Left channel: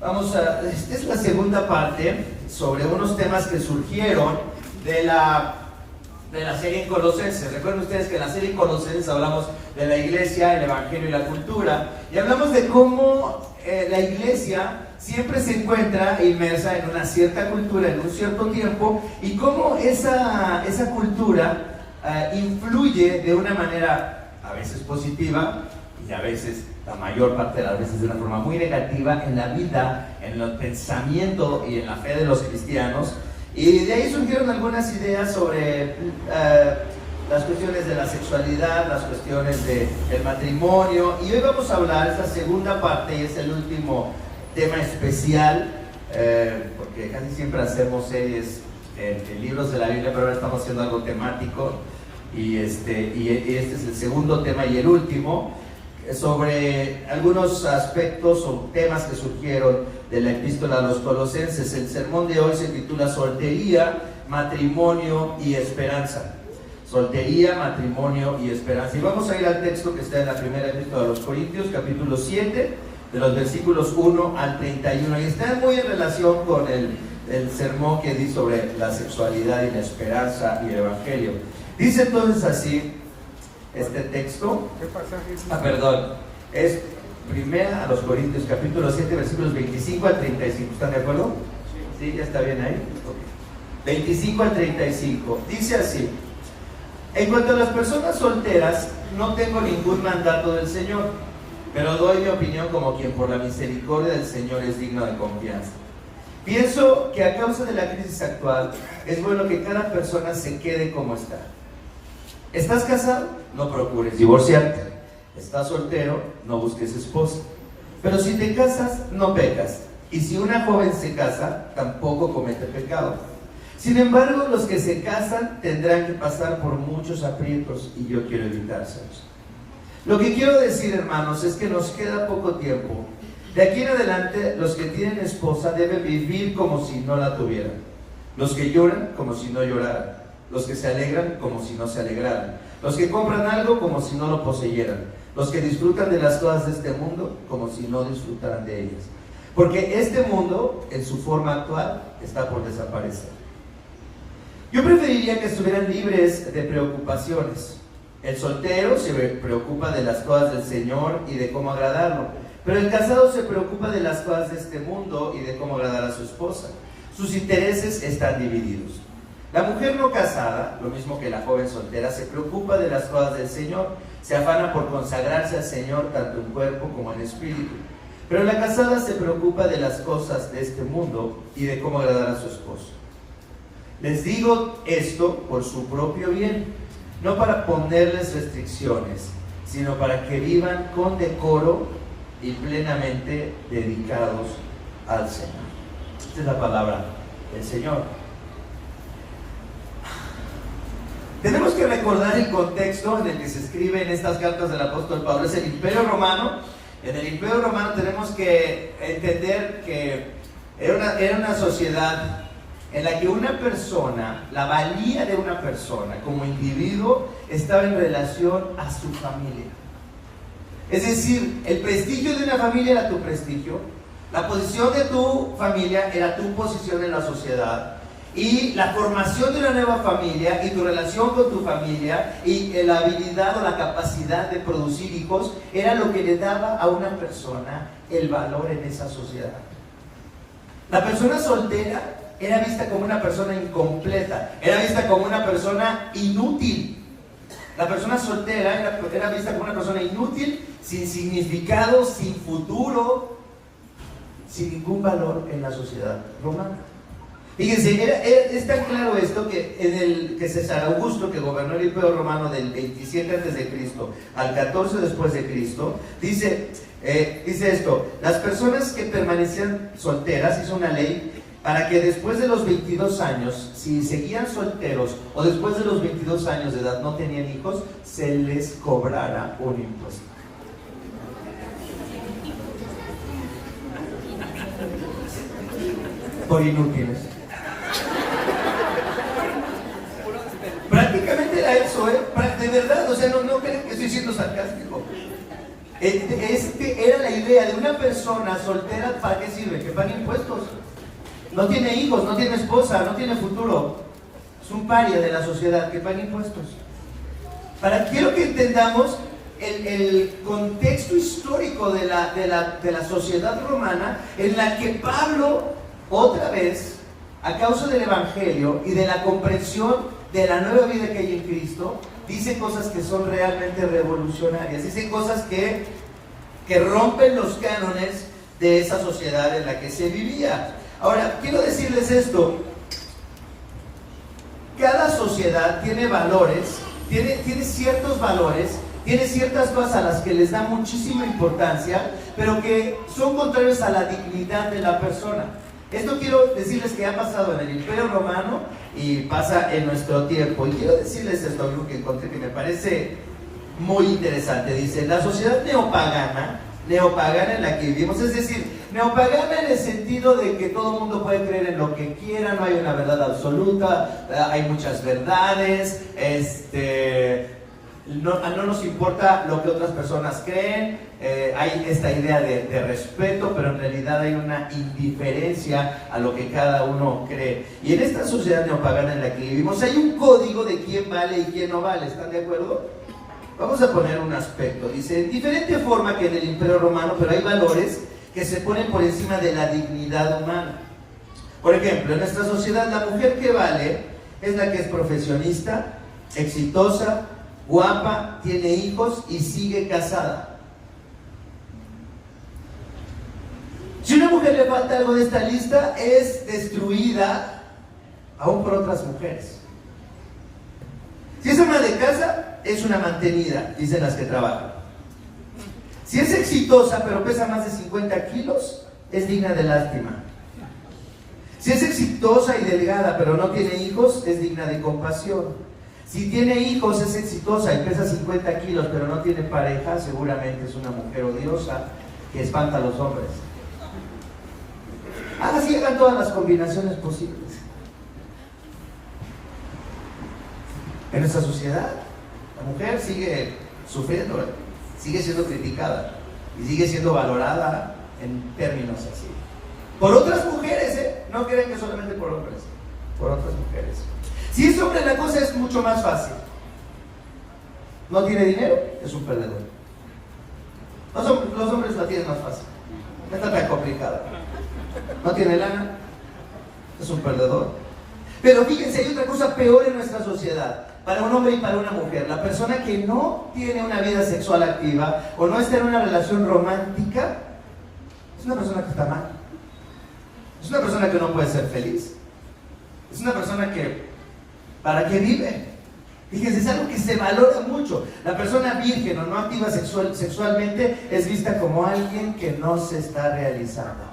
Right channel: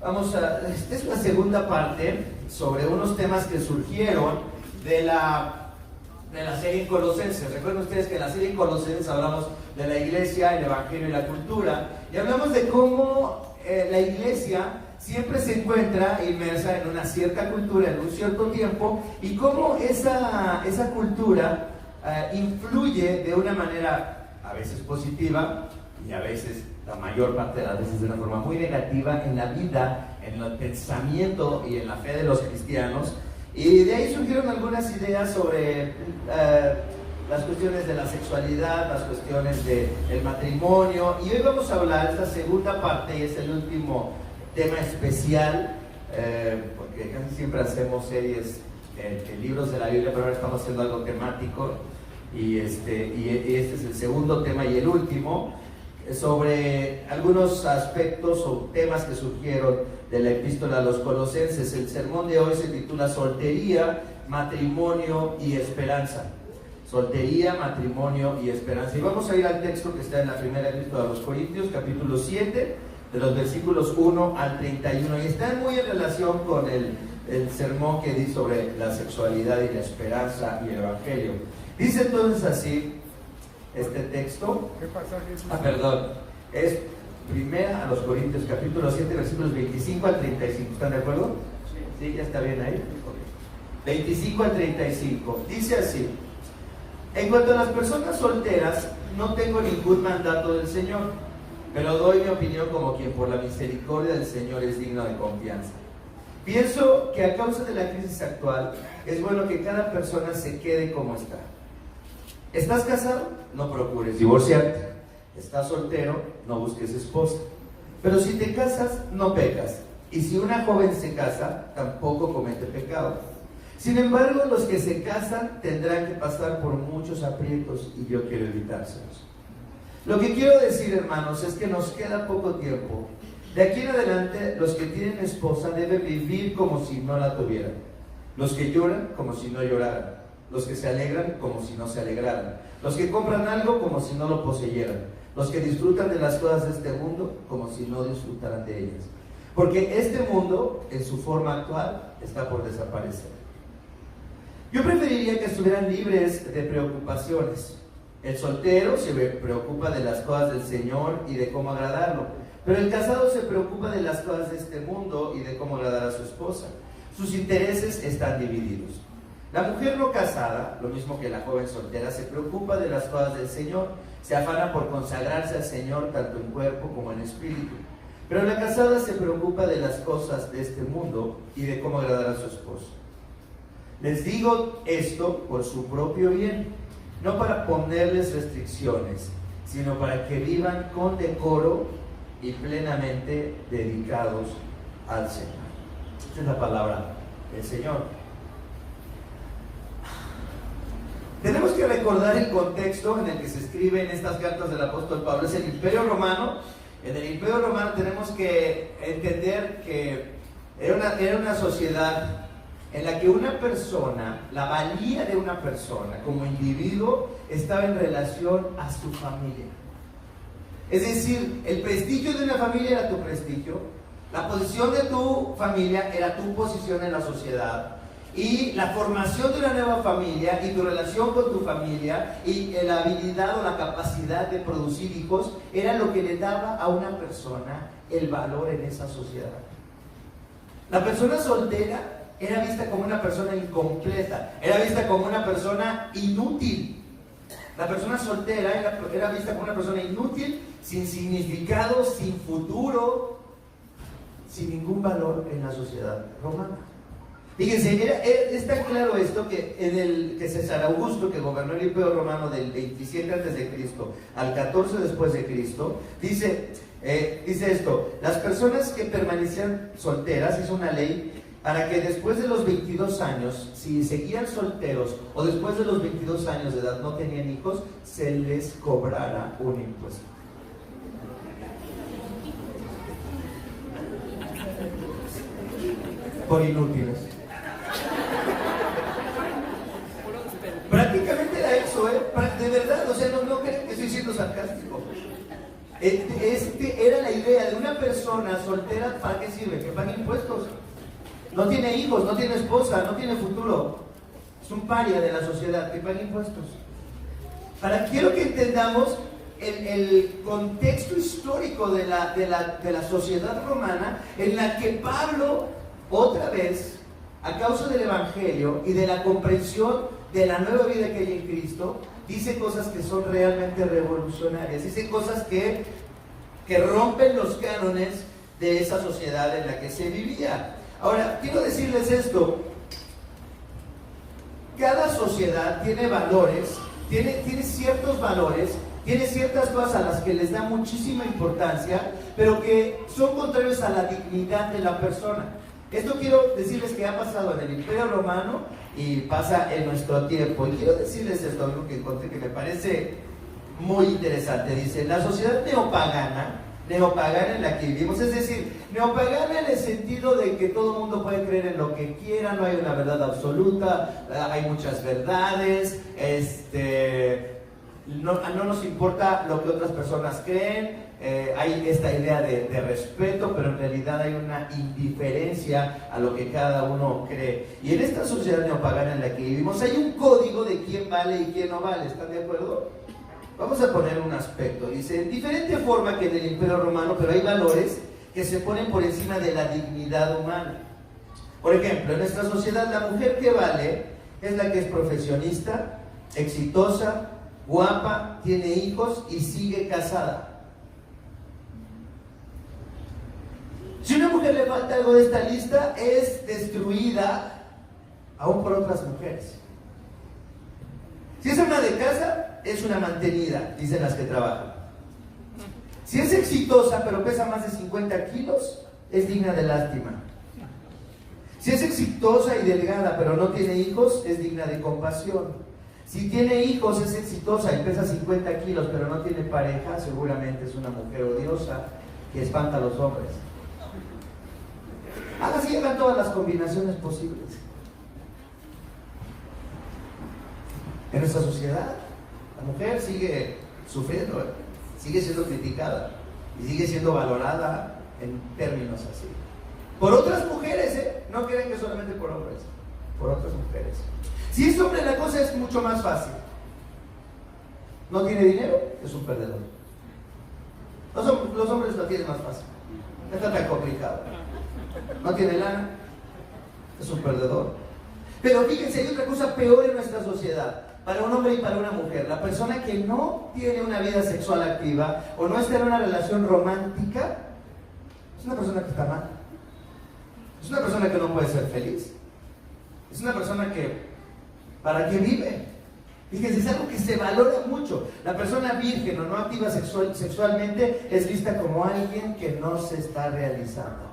Esta es la segunda parte sobre unos temas que surgieron de la serie Colosenses. Recuerden ustedes que en la serie Colosenses hablamos de la iglesia, el evangelio y la cultura, y hablamos de cómo la iglesia siempre se encuentra inmersa en una cierta cultura, en un cierto tiempo, y cómo esa cultura influye de una manera a veces positiva y a veces, la mayor parte de las veces, de una forma muy negativa en la vida, en el pensamiento y en la fe de los cristianos. Y de ahí surgieron algunas ideas sobre las cuestiones de la sexualidad, las cuestiones del matrimonio, y hoy vamos a hablar, esta segunda parte, y es el último tema especial, porque casi siempre hacemos series en libros de la Biblia, pero ahora estamos haciendo algo temático, y este es el segundo tema y el último, sobre algunos aspectos o temas que surgieron de la epístola a los Colosenses. El sermón de hoy se titula Soltería, Matrimonio y Esperanza. Soltería, matrimonio y esperanza. Y vamos a ir al texto que está en la primera epístola a los Corintios, capítulo 7, de los versículos 1 al 31. Y está muy en relación con el sermón que di sobre la sexualidad y la esperanza y el evangelio. Dice entonces así este texto. ¿Qué pasaje es? Perdón, es primera a los Corintios, capítulo 7, versículos 25 al 35. ¿Están de acuerdo? Sí, ya está bien ahí. Okay. 25 al 35. Dice así: en cuanto a las personas solteras, no tengo ningún mandato del Señor, pero doy mi opinión como quien por la misericordia del Señor es digno de confianza. Pienso que a causa de la crisis actual, es bueno que cada persona se quede como está. ¿Estás casado? No procures divorciarte. ¿Estás soltero? No busques esposa. Pero si te casas, no pecas. Y si una joven se casa, tampoco comete pecado. Sin embargo, los que se casan tendrán que pasar por muchos aprietos y yo quiero evitárselos. Lo que quiero decir, hermanos, es que nos queda poco tiempo. De aquí en adelante, los que tienen esposa deben vivir como si no la tuvieran. Los que lloran, como si no lloraran. Los que se alegran, como si no se alegraran. Los que compran algo, como si no lo poseyeran. Los que disfrutan de las cosas de este mundo, como si no disfrutaran de ellas. Porque este mundo, en su forma actual, está por desaparecer. Yo preferiría que estuvieran libres de preocupaciones. El soltero se preocupa de las cosas del Señor y de cómo agradarlo, pero el casado se preocupa de las cosas de este mundo y de cómo agradar a su esposa. Sus intereses están divididos. La mujer no casada, lo mismo que la joven soltera, se preocupa de las cosas del Señor, se afana por consagrarse al Señor tanto en cuerpo como en espíritu. Pero la casada se preocupa de las cosas de este mundo y de cómo agradar a su esposo. Les digo esto por su propio bien, no para ponerles restricciones, sino para que vivan con decoro y plenamente dedicados al Señor. Esta es la palabra del Señor. Tenemos que recordar el contexto en el que se escriben estas cartas del apóstol Pablo. Es el Imperio Romano. En el Imperio Romano tenemos que entender que era una sociedad en la que una persona, la valía de una persona como individuo, estaba en relación a su familia. Es decir, el prestigio de una familia era tu prestigio, la posición de tu familia era tu posición en la sociedad, y la formación de una nueva familia y tu relación con tu familia y la habilidad o la capacidad de producir hijos era lo que le daba a una persona el valor en esa sociedad. La persona soltera era vista como una persona incompleta, era vista como una persona inútil. La persona soltera era vista como una persona inútil, sin significado, sin futuro, sin ningún valor en la sociedad romana. Fíjense, es tan claro esto que César Augusto, que gobernó el Imperio Romano del 27 a.C. al 14 después de Cristo, dice esto: las personas que permanecían solteras, hizo una ley para que después de los 22 años, si seguían solteros o después de los 22 años de edad no tenían hijos, se les cobrara un impuesto. Por inútiles. Prácticamente era eso, de verdad, o sea, no creen que estoy siendo sarcástico. Era la idea de una persona soltera. ¿Para qué sirve? Que pague impuestos. No tiene hijos, no tiene esposa, no tiene futuro. Es un paria de la sociedad, que pague impuestos. Quiero que entendamos el contexto histórico de la sociedad romana, en la que Pablo, otra vez, a causa del Evangelio y de la comprensión de la nueva vida que hay en Cristo, dice cosas que son realmente revolucionarias, dice cosas que rompen los cánones de esa sociedad en la que se vivía. Ahora, quiero decirles esto: cada sociedad tiene valores, tiene ciertos valores, tiene ciertas cosas a las que les da muchísima importancia, pero que son contrarios a la dignidad de la persona. Esto quiero decirles que ha pasado en el Imperio Romano y pasa en nuestro tiempo. Y quiero decirles esto, algo que encontré que me parece muy interesante. Dice: la sociedad neopagana en la que vivimos, es decir, neopagana en el sentido de que todo el mundo puede creer en lo que quiera, no hay una verdad absoluta, hay muchas verdades, no nos importa lo que otras personas creen, hay esta idea de respeto, pero en realidad hay una indiferencia a lo que cada uno cree. Y en esta sociedad neopagana en la que vivimos hay un código de quién vale y quién no vale. ¿Están de acuerdo? Vamos a poner un aspecto. Dice: en diferente forma que en el Imperio Romano, pero hay valores que se ponen por encima de la dignidad humana. Por ejemplo, en nuestra sociedad la mujer que vale es la que es profesionista, exitosa, guapa, tiene hijos y sigue casada. Si a una mujer le falta algo de esta lista, es destruida aún por otras mujeres. Si es ama de casa, es una mantenida, dicen las que trabajan. Si es exitosa pero pesa más de 50 kilos, es digna de lástima. Si es exitosa y delgada pero no tiene hijos, es digna de compasión. Si tiene hijos, es exitosa y pesa 50 kilos pero no tiene pareja, seguramente es una mujer odiosa que espanta a los hombres. Así llegan todas las combinaciones posibles. En nuestra sociedad, la mujer sigue sufriendo, sigue siendo criticada y sigue siendo valorada en términos así. Por otras mujeres, no crean que solamente por hombres, por otras mujeres. Si es hombre, la cosa es mucho más fácil. No tiene dinero, es un perdedor. Los hombres la tienen más fácil, no está tan complicado. No tiene lana, es un perdedor. Pero fíjense, hay otra cosa peor en nuestra sociedad. Para un hombre y para una mujer, la persona que no tiene una vida sexual activa o no está en una relación romántica, es una persona que está mal. Es una persona que no puede ser feliz. Es una persona que, ¿para qué vive? Fíjense, es algo que se valora mucho. La persona virgen o no activa sexualmente es vista como alguien que no se está realizando.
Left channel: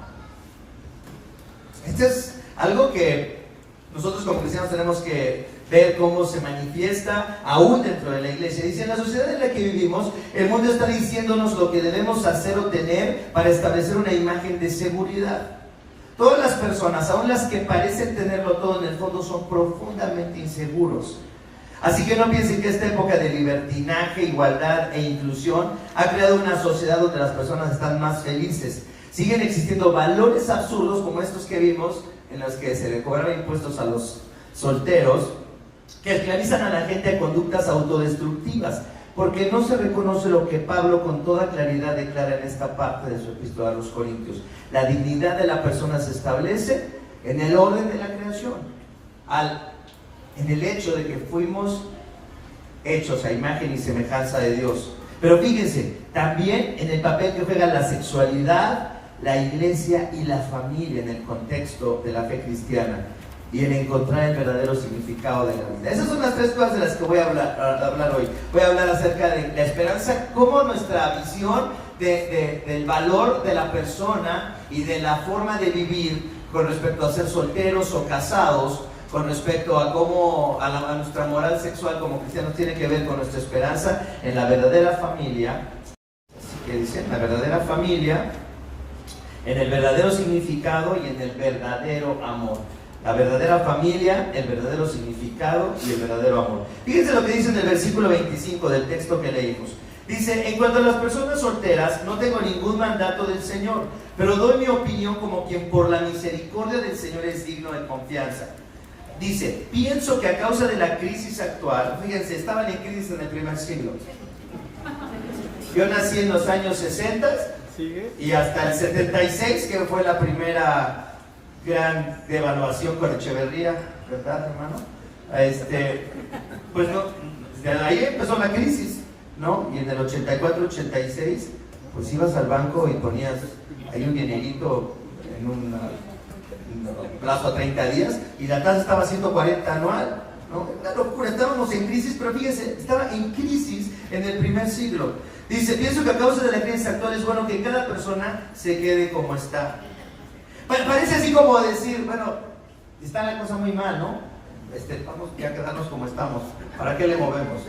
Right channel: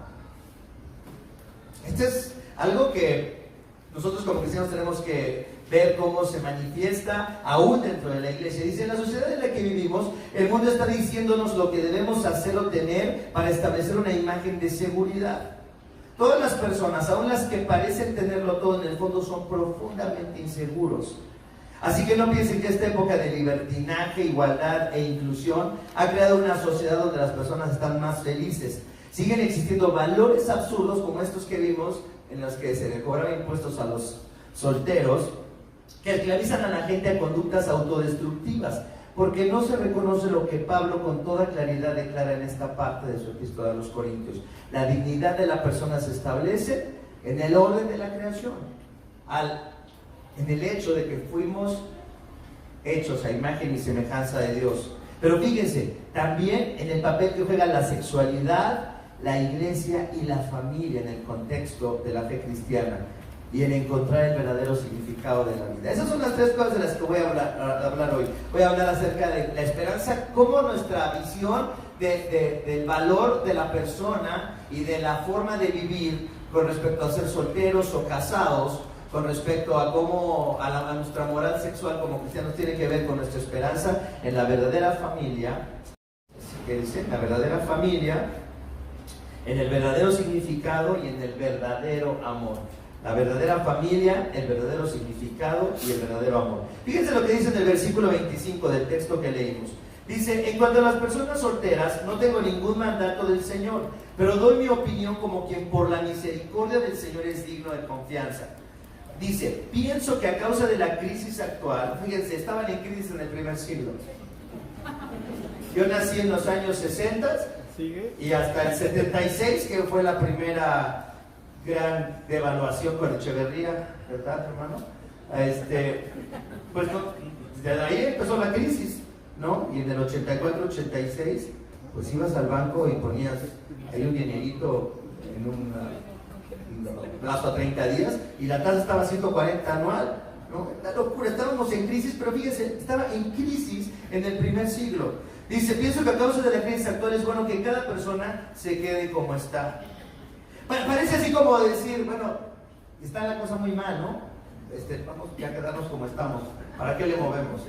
Esto es algo que nosotros como cristianos tenemos que ver cómo se manifiesta aún dentro de la iglesia. Dice: en la sociedad en la que vivimos, el mundo está diciéndonos lo que debemos hacer o tener para establecer una imagen de seguridad. Todas las personas, aun las que parecen tenerlo todo, en el fondo son profundamente inseguros. Así que no piensen que esta época de libertinaje, igualdad e inclusión ha creado una sociedad donde las personas están más felices. Siguen existiendo valores absurdos como estos que vimos, en los que se le cobraban impuestos a los solteros, que esclavizan a la gente a conductas autodestructivas, porque no se reconoce lo que Pablo con toda claridad declara en esta parte de su epístola a los Corintios. La dignidad de la persona se establece en el orden de la creación, en el hecho de que fuimos hechos a imagen y semejanza de Dios. Pero fíjense, también en el papel que juega la sexualidad, la iglesia y la familia en el contexto de la fe cristiana y en encontrar el verdadero significado de la vida. Esas son las tres cosas de las que voy a hablar hoy. Voy a hablar acerca de la esperanza, cómo nuestra visión del valor de la persona y de la forma de vivir con respecto a ser solteros o casados, con respecto a cómo a nuestra moral sexual como cristianos tiene que ver con nuestra esperanza en la verdadera familia. Así que dice, la verdadera familia, en el verdadero significado y en el verdadero amor. La verdadera familia, el verdadero significado y el verdadero amor. Fíjense lo que dice en el versículo 25 del texto que leímos. Dice, en cuanto a las personas solteras, no tengo ningún mandato del Señor, pero doy mi opinión como quien por la misericordia del Señor es digno de confianza. Dice, pienso que a causa de la crisis actual, fíjense, estaban en crisis en el primer siglo. Yo nací en los años 60 y hasta el 76, que fue la primera gran devaluación con Echeverría, ¿verdad, hermano? Pues no, desde ahí empezó la crisis, ¿no? Y en el 84, 86, pues ibas al banco y ponías ahí un dinerito en un plazo a 30 días y la tasa estaba a 140 anual, ¿no? Una locura, estábamos en crisis, pero fíjense, estaba en crisis en el primer siglo. Dice, pienso que a causa de la crisis actual es bueno que cada persona se quede como está. Parece así como decir, bueno, está la cosa muy mal, ¿no? Vamos ya a quedarnos como estamos, ¿para qué le movemos?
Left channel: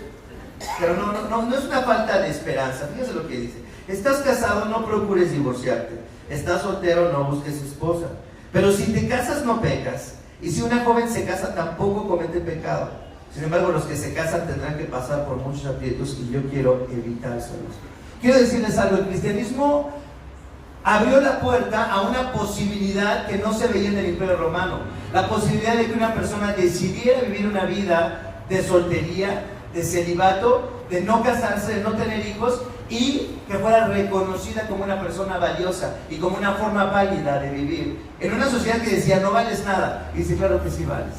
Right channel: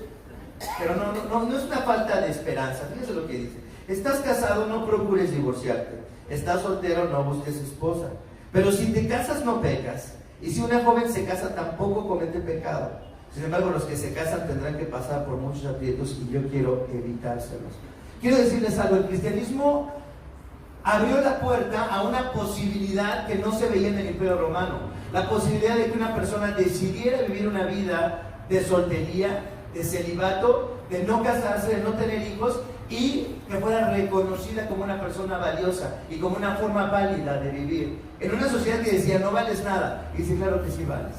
Pero no es una falta de esperanza. Fíjese lo que dice: estás casado, no procures divorciarte; estás soltero, no busques esposa. Pero si te casas, no pecas, y si una joven se casa, tampoco comete pecado. Sin embargo, los que se casan tendrán que pasar por muchos aprietos, y yo quiero evitárselos. Quiero decirles algo: el cristianismo abrió la puerta a una posibilidad que no se veía en el Imperio Romano, la posibilidad de que una persona decidiera vivir una vida de soltería, de celibato, de no casarse, de no tener hijos, y que fuera reconocida como una persona valiosa y como una forma válida de vivir en una sociedad que decía no vales nada. Y dice, claro que sí vales,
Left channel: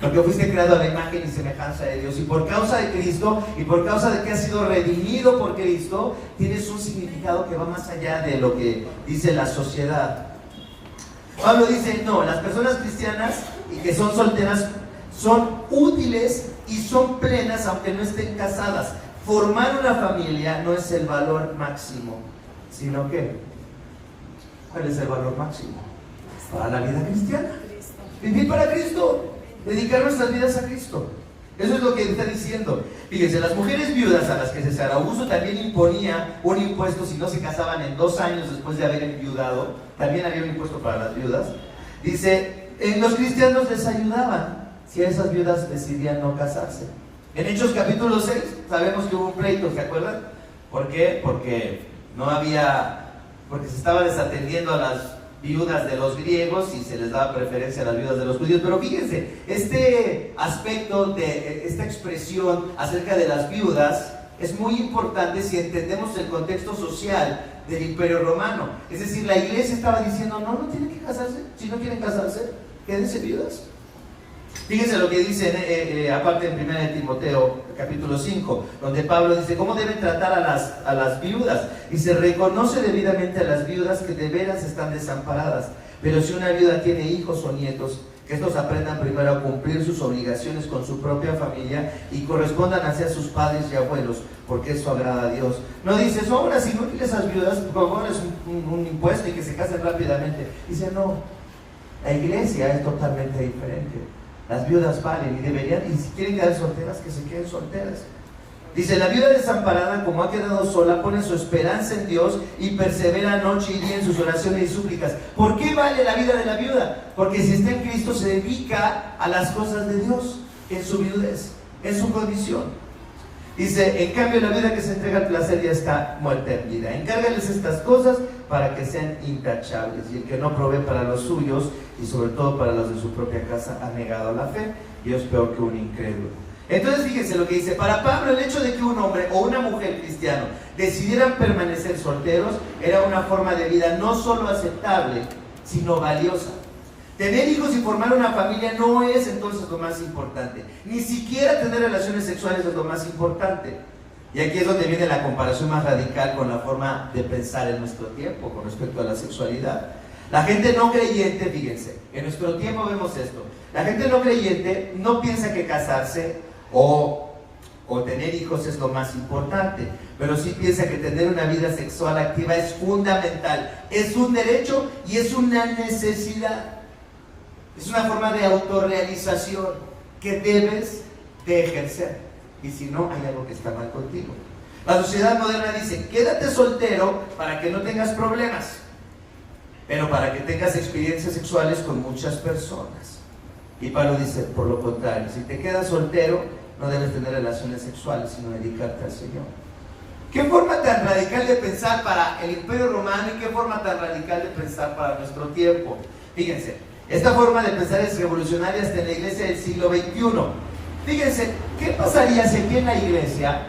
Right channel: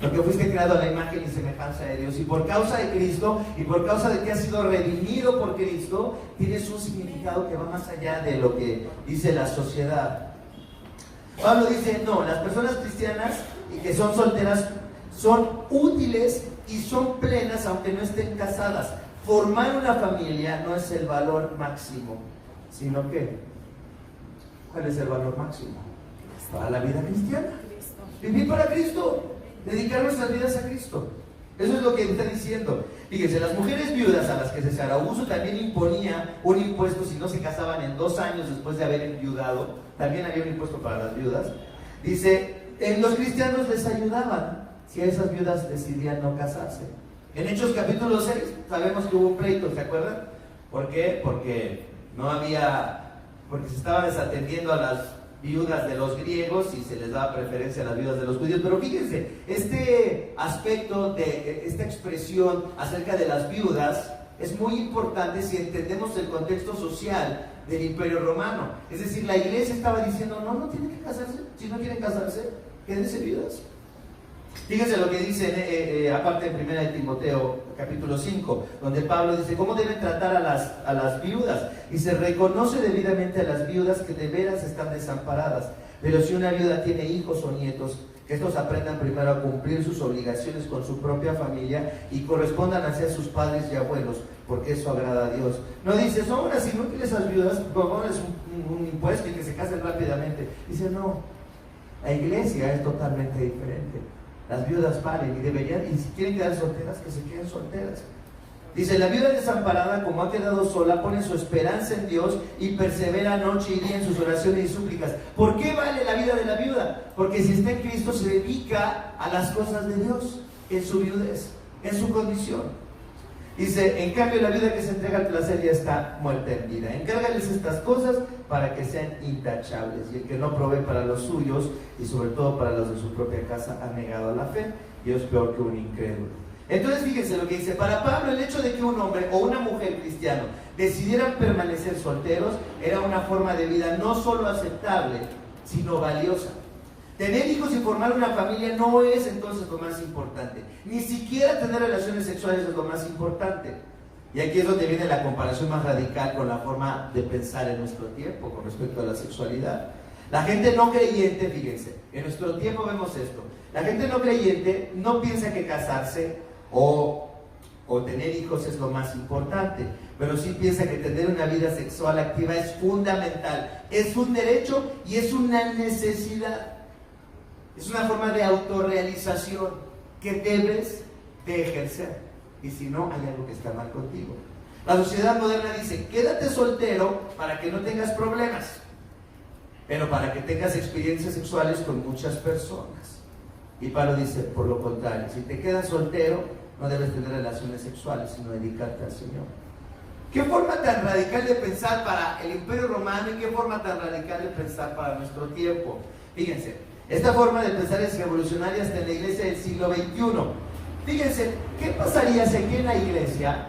porque fuiste creado a la imagen y semejanza de Dios, y por causa de Cristo, y por causa de que has sido redimido por Cristo, tienes un significado que va más allá de lo que dice la sociedad. Pablo dice, no, las personas cristianas y que son solteras son útiles y son plenas aunque no estén casadas. Formar una familia no es el valor máximo, sino que, ¿cuál es el valor máximo? Para la vida cristiana, vivir para Cristo, dedicar nuestras vidas a Cristo. Eso es lo que está diciendo. Fíjense, las mujeres viudas a las que César Augusto también imponía un impuesto si no se casaban en 2 años después de haber enviudado, también había un impuesto para las viudas. Dice, los cristianos les ayudaban si esas viudas decidían no casarse. En Hechos capítulo 6 sabemos que hubo un pleito, ¿se acuerdan? ¿Por qué? Porque se estaba desatendiendo a las viudas de los griegos y se les daba preferencia a las viudas de los judíos. Pero fíjense, este aspecto de esta expresión acerca de las viudas es muy importante si entendemos el contexto social del Imperio Romano. Es decir, la iglesia estaba diciendo, no tienen que casarse, si no quieren casarse, quédense viudas. Fíjense lo que dice aparte en 1 Timoteo capítulo 5, donde Pablo dice cómo deben tratar a las viudas, y se reconoce debidamente a las viudas que de veras están desamparadas. Pero si una viuda tiene hijos o nietos, que estos aprendan primero a cumplir sus obligaciones con su propia familia y correspondan hacia sus padres y abuelos, porque eso agrada a Dios. No dice, son las inútiles esas viudas, ponles un impuesto y que se casen rápidamente. Dice, no, la iglesia es totalmente diferente. Las viudas valen y deberían, y si quieren quedar solteras, que se queden solteras. Dice, la viuda desamparada, como ha quedado sola, pone su esperanza en Dios y persevera noche y día en sus oraciones y súplicas. ¿Por qué vale la vida de la viuda? Porque si está en Cristo se dedica a las cosas de Dios, en su viudez, en su condición. Dice, en cambio la viuda que se entrega al placer ya está muerta en vida. Encárgales estas cosas para que sean intachables. Y el que no provee para los suyos, y sobre todo para los de su propia casa, ha negado la fe y es peor que un incrédulo. Entonces fíjense lo que dice, para Pablo el hecho de que un hombre o una mujer cristiano decidieran permanecer solteros era una forma de vida no solo aceptable, sino valiosa. Tener hijos y formar una familia no es entonces lo más importante, ni siquiera tener relaciones sexuales es lo más importante. Y aquí es donde viene la comparación más radical con la forma de pensar en nuestro tiempo con respecto a la sexualidad. La gente no creyente, fíjense, en nuestro tiempo vemos esto, la gente no creyente no piensa que casarse o tener hijos es lo más importante, pero sí piensa que tener una vida sexual activa es fundamental, es un derecho y es una necesidad. Es una forma de autorrealización que debes de ejercer, y si no, hay algo que está mal contigo. La sociedad moderna dice, quédate soltero para que no tengas problemas, pero para que tengas experiencias sexuales con muchas personas. Y Pablo dice, por lo contrario, si te quedas soltero, no debes tener relaciones sexuales, sino dedicarte al Señor. Qué forma tan radical de pensar para el Imperio Romano y qué forma tan radical de pensar para nuestro tiempo. Fíjense, esta forma de pensar es revolucionaria hasta en la iglesia del siglo XXI. Fíjense, ¿qué pasaría si aquí en la iglesia,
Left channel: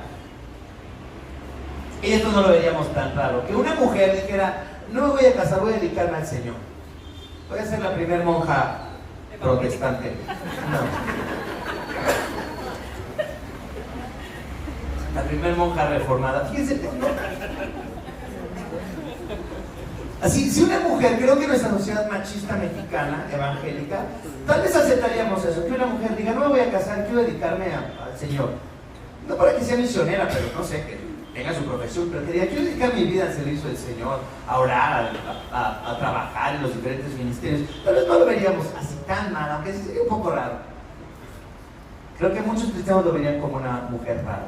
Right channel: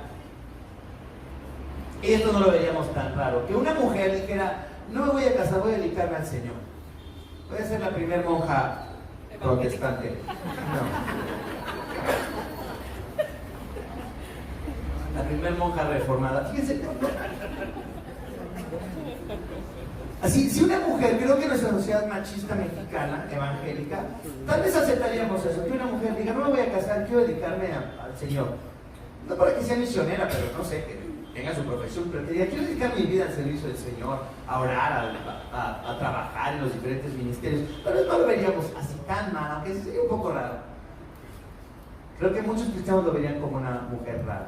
y esto no lo veríamos tan raro, que una mujer dijera, no me voy a casar, voy a dedicarme al Señor? Voy a ser la primera monja protestante. No. La primera monja reformada. Fíjense. Así, si una mujer, creo que en nuestra sociedad machista mexicana, evangélica, tal vez aceptaríamos eso, que una mujer diga, no me voy a casar, quiero dedicarme al Señor. No para que sea misionera, pero no sé, que tenga su profesión, pero que diga, quiero dedicar mi vida al servicio del Señor, a orar, a trabajar en los diferentes ministerios. Tal vez no lo veríamos así tan mal, aunque sí sería un poco raro. Creo que muchos cristianos lo verían como una mujer rara.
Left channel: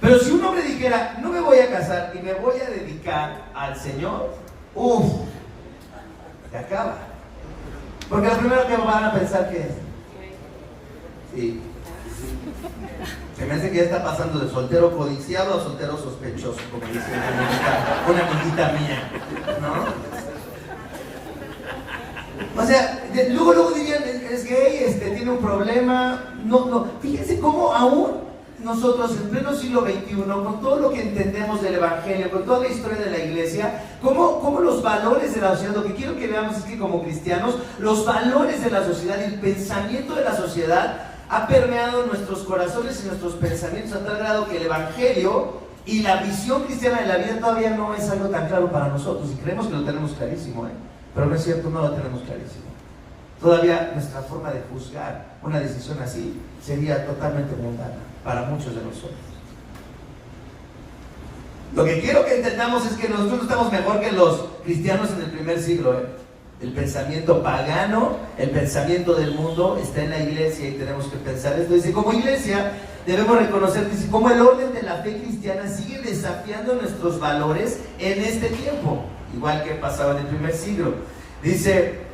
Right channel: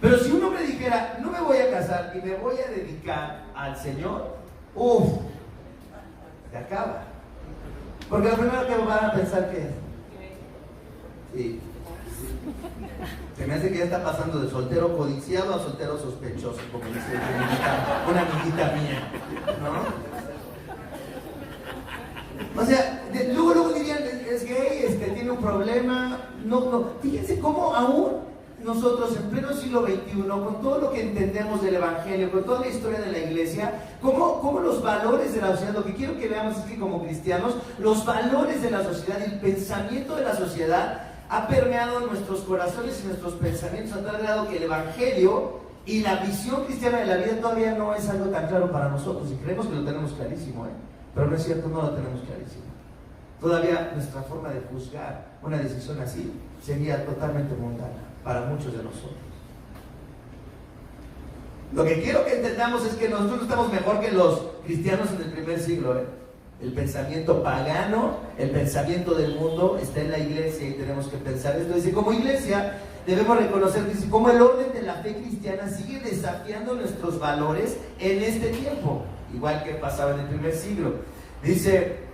Pero si un hombre dijera, no me voy a casar y me voy a dedicar al Señor, se acaba. Porque lo primero que van a pensar que es, sí, se me hace que ya está pasando de soltero codiciado a soltero sospechoso, como dice una amiguita mía, ¿no? O sea, luego dirían, es gay, tiene un problema. No. Fíjense cómo aún nosotros en pleno siglo XXI, con todo lo que entendemos del Evangelio, con toda la historia de la iglesia, cómo los valores de la sociedad, lo que quiero que veamos es que como cristianos, los valores de la sociedad, el pensamiento de la sociedad ha permeado nuestros corazones y nuestros pensamientos a tal grado que el Evangelio y la visión cristiana de la vida todavía no es algo tan claro para nosotros, y creemos que lo tenemos clarísimo, pero no es cierto, no lo tenemos clarísimo. Todavía nuestra forma de juzgar una decisión así sería totalmente mundana para muchos de nosotros. Lo que quiero que entendamos es que nosotros estamos mejor que los cristianos en el primer siglo. El pensamiento pagano, el pensamiento del mundo está en la iglesia y tenemos que pensar esto. Dice, como iglesia debemos reconocer, dice, cómo el orden de la fe cristiana sigue desafiando nuestros valores en este tiempo, igual que pasaba en el primer siglo. Dice,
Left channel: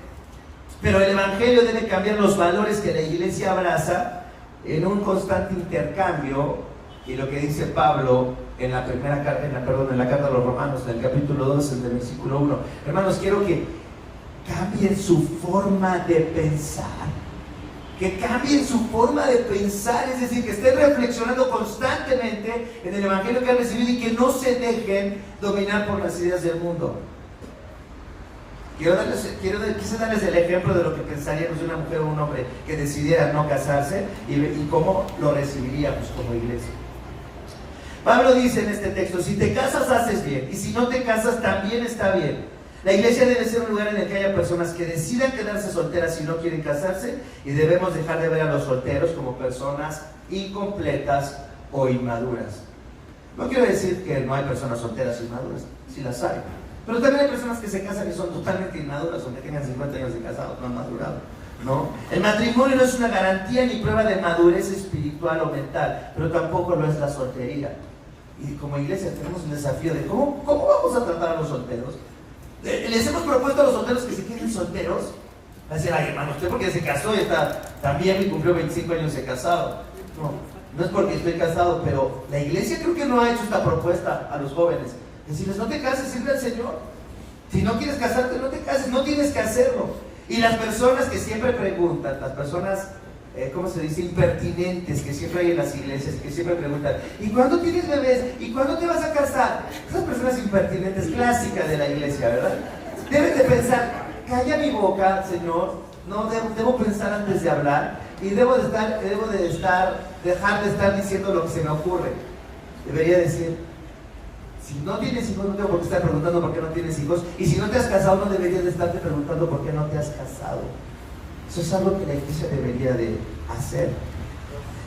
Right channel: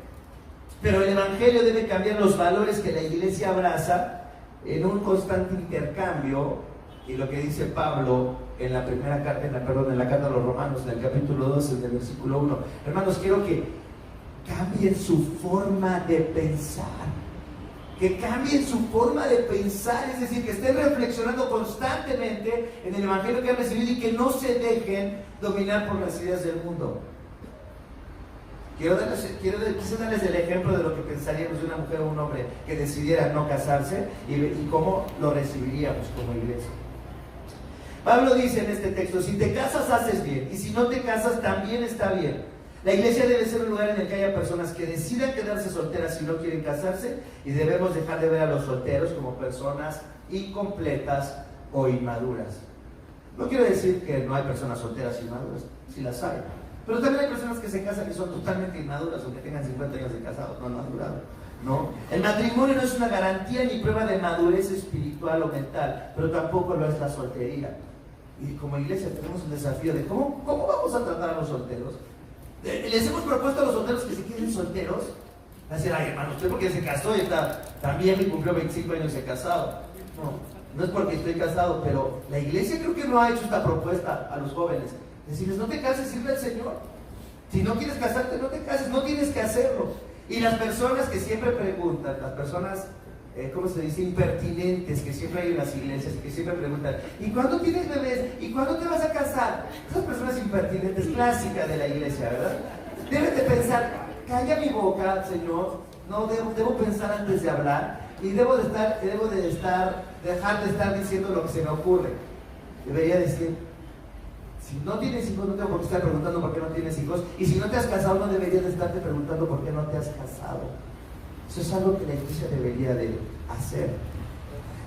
pero el Evangelio debe cambiar los valores que la iglesia abraza en un constante intercambio, y lo que dice Pablo en la primera carta, en la carta a los Romanos, en el capítulo 2, en el versículo 1. Hermanos, quiero que cambien su forma de pensar, que cambien su forma de pensar, es decir, que estén reflexionando constantemente en el Evangelio que han recibido y que no se dejen dominar por las ideas del mundo. Quise darles el ejemplo de lo que pensaríamos de una mujer o un hombre que decidiera no casarse y cómo lo recibiríamos como iglesia. Pablo dice en este texto, si te casas haces bien, y si no te casas también está bien. La iglesia debe ser un lugar en el que haya personas que decidan quedarse solteras si no quieren casarse, y debemos dejar de ver a los solteros como personas incompletas o inmaduras. No quiero decir que no hay personas solteras inmaduras, sí las hay. Pero también hay personas que se casan y son totalmente inmaduras, aunque tengan 50 años de casados, no han madurado, ¿no? El matrimonio no es una garantía ni prueba de madurez espiritual o mental, pero tampoco lo es la soltería. Y como iglesia tenemos un desafío de cómo vamos a tratar a los solteros. Les hemos propuesto a los solteros que se queden solteros. Va a decir, ay hermano, usted porque se casó y está también y cumplió 25 años de casado. No es porque estoy casado, pero la iglesia creo que no ha hecho esta propuesta a los jóvenes. Decirles, no te cases, sirve al Señor. Si no quieres casarte, no te cases, no tienes que hacerlo. Y las personas que siempre preguntan, las personas, ¿cómo se dice? Impertinentes que siempre hay en las iglesias, que siempre preguntan, ¿y cuándo tienes bebés? ¿Y cuándo te vas a casar? Esas personas impertinentes clásicas de la iglesia, ¿verdad? Deben de pensar, calla mi boca, Señor, no debo pensar antes de hablar, y dejar de estar diciendo lo que se me ocurre. Debería decir, si no tienes hijos, no tengo por qué estar preguntando por qué no tienes hijos. Y si no te has casado, no deberías de estarte preguntando por qué no te has casado. Eso es algo que la iglesia debería de hacer.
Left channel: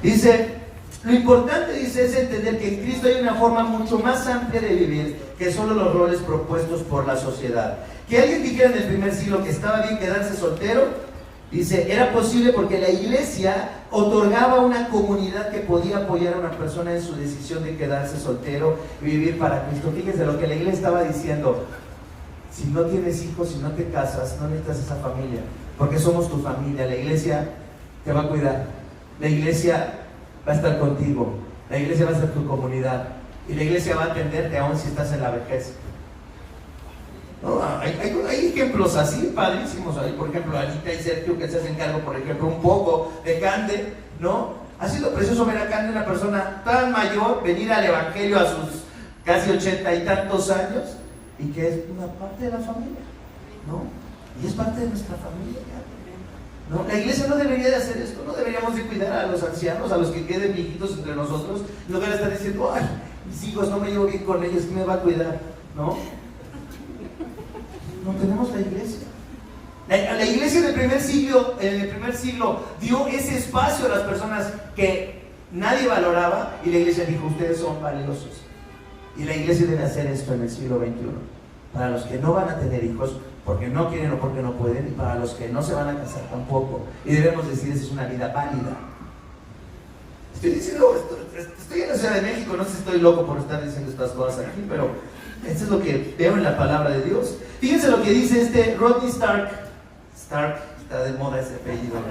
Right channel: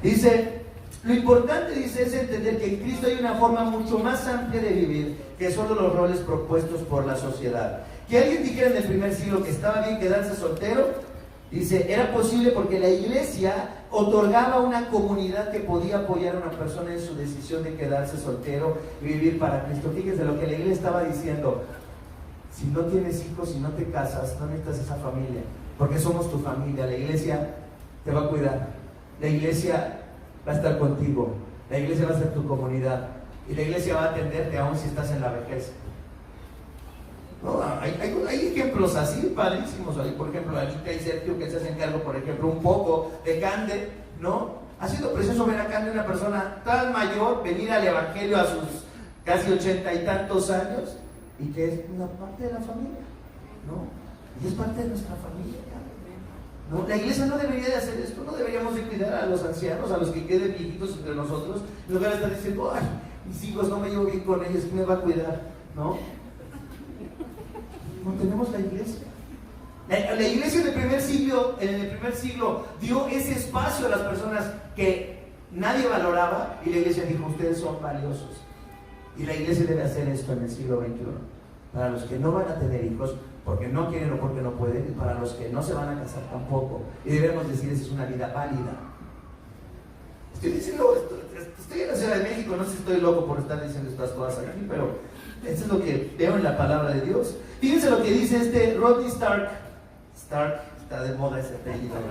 Dice, lo importante, dice, es entender que en Cristo hay una forma mucho más amplia de vivir que solo los roles propuestos por la sociedad. Que alguien dijera en el primer siglo que estaba bien quedarse soltero, dice, era posible porque la iglesia otorgaba una comunidad que podía apoyar a una persona en su decisión de quedarse soltero y vivir para Cristo. Fíjense lo que la iglesia estaba diciendo: si no tienes hijos, si no te casas, no necesitas esa familia, porque somos tu familia. La iglesia te va a cuidar, la iglesia va a estar contigo, la iglesia va a ser tu comunidad. y la iglesia va a atenderte aún si estás en la vejez. No, hay ejemplos así, padrísimos. Hay, por ejemplo, Anita y Sergio que se hacen cargo, por ejemplo, un poco de Cande, ¿no? Ha sido precioso ver a Cande, una persona tan mayor, venir al evangelio a sus casi 80 y tantos años, y que es una parte de la familia, ¿no? Y es parte de nuestra familia, ¿no? La iglesia no debería de hacer esto, no deberíamos de cuidar a los ancianos, a los que queden viejitos entre nosotros, en lugar de estar diciendo, ay, mis hijos, no me llevo bien con ellos, ¿quién me va a cuidar? ¿No? No tenemos la iglesia. La iglesia en el primer siglo dio ese espacio a las personas que nadie valoraba, y la iglesia dijo, ustedes son valiosos. Y la iglesia debe hacer esto en el siglo XXI. Para los que no van a tener hijos, porque no quieren o porque no pueden, y para los que no se van a casar tampoco. Y debemos decir, esa es una vida válida. Estoy en la Ciudad de México, no sé si estoy loco por estar diciendo estas cosas aquí, pero esto es lo que veo en la palabra de Dios. Fíjense lo que dice Rodney Stark. Stark, está de moda ese apellido, ¿no?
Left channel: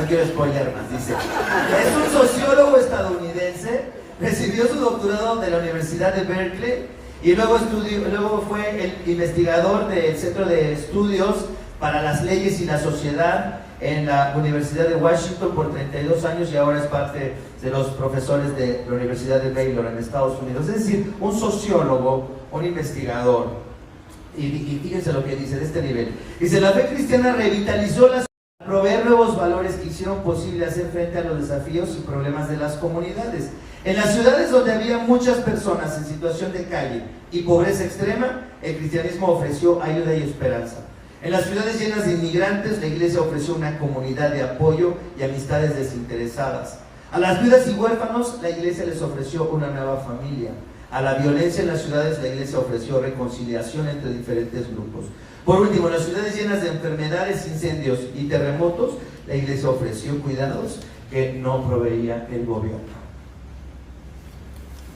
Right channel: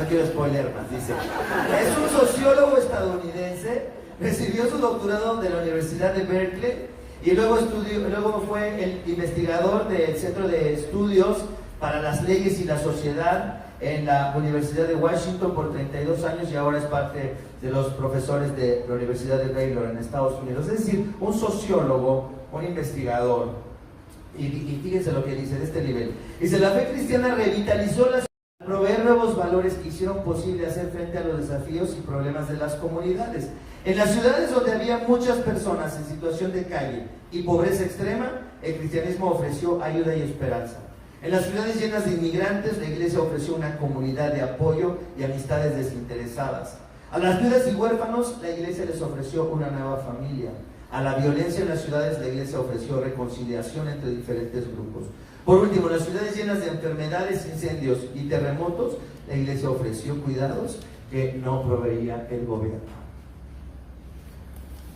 No quiero spoiler más, dice. Es un sociólogo estadounidense, recibió su doctorado de la Universidad de Berkeley y luego fue el investigador del Centro de Estudios para las Leyes y la Sociedad en la Universidad de Washington por 32 años y ahora es parte de los profesores de la Universidad de Baylor en Estados Unidos. Es decir, un sociólogo, un investigador. Y fíjense lo que dice de este nivel. Dice, la fe cristiana revitalizó la sociedad, proveer nuevos valores que hicieron posible hacer frente a los desafíos y problemas de las comunidades. En las ciudades donde había muchas personas en situación de calle y pobreza extrema, el cristianismo ofreció ayuda y esperanza. En las ciudades llenas de inmigrantes, la iglesia ofreció una comunidad de apoyo y amistades desinteresadas. A las viudas y huérfanos, la iglesia les ofreció una nueva familia. A la violencia en las ciudades, la iglesia ofreció reconciliación entre diferentes grupos. Por último, en las ciudades llenas de enfermedades, incendios y terremotos, la iglesia ofreció cuidados que no proveía el gobierno.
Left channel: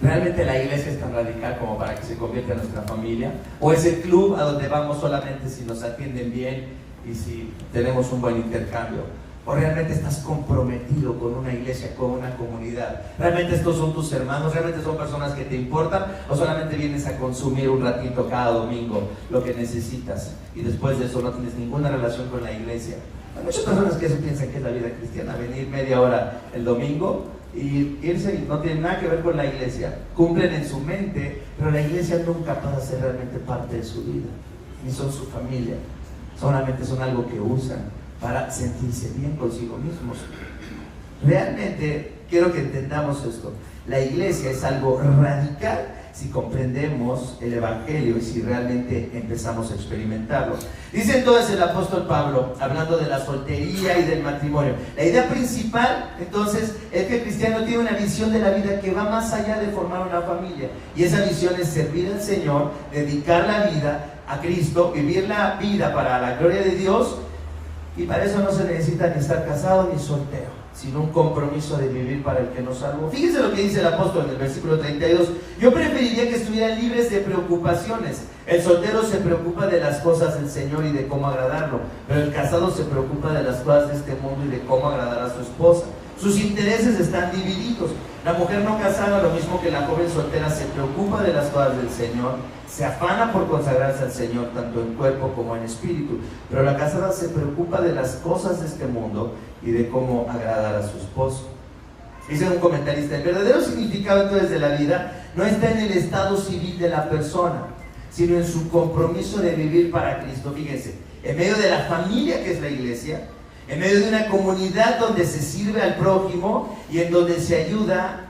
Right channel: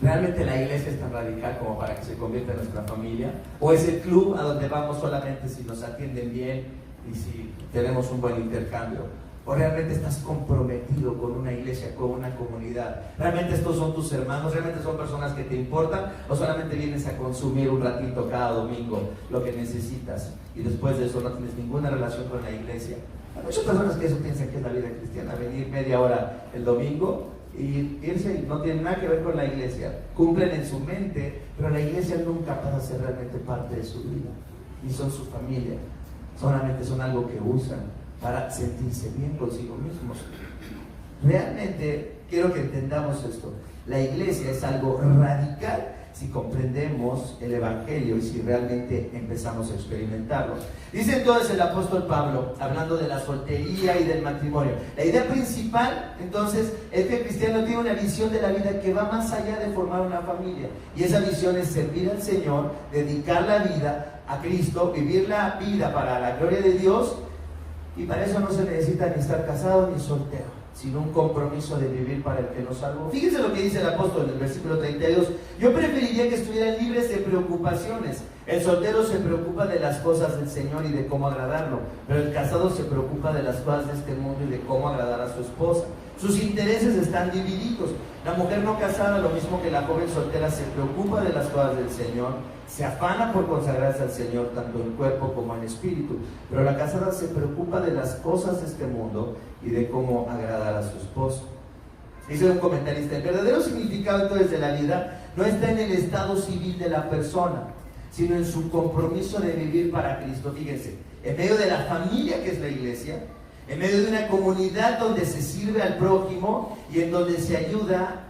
¿Realmente la iglesia es tan radical como para que se convierta en nuestra familia? ¿O es el club a donde vamos solamente si nos atienden bien y si tenemos un buen intercambio? ¿O realmente estás comprometido con una iglesia, con una comunidad? ¿Realmente estos son tus hermanos? ¿Realmente son personas que te importan? ¿O solamente vienes a consumir un ratito cada domingo lo que necesitas y después de eso no tienes ninguna relación con la iglesia? Hay muchas personas que eso piensan que es la vida cristiana, venir media hora el domingo y irse y no tiene nada que ver con la iglesia. Cumplen en su mente, pero la iglesia nunca pasa a ser realmente parte de su vida, ni son su familia, solamente son algo que usan para sentirse bien consigo mismos. Realmente quiero que entendamos esto. La iglesia es algo radical si comprendemos el evangelio y si realmente empezamos a experimentarlo. Dice entonces el apóstol Pablo, hablando de la soltería y del matrimonio, la idea principal entonces es que el cristiano tiene una visión de la vida que va más allá de formar una familia, y esa visión es servir al Señor, dedicar la vida a Cristo, vivir la vida para la gloria de Dios. Y para eso no se necesita ni estar casado ni soltero, sino un compromiso de vivir para el que nos salvó. Fíjense lo que dice el apóstol en el versículo 32. Yo preferiría que estuvieran libres de preocupaciones. El soltero se preocupa de las cosas del Señor y de cómo agradarlo, pero el casado se preocupa de las cosas de este mundo y de cómo agradar a su esposa. Sus intereses están divididos. La mujer no casada, lo mismo que la joven soltera, se preocupa de las cosas del Señor, se afana por consagrarse al Señor tanto en cuerpo como en espíritu, pero la casada se preocupa de las cosas de este mundo y de cómo agradar a su esposo. Dice un comentarista, el verdadero significado entonces de la vida no está en el estado civil de la persona, sino en su compromiso de vivir para Cristo. Fíjense, en medio de la familia que es la iglesia, en medio de una comunidad donde se sirve al prójimo y en donde se ayuda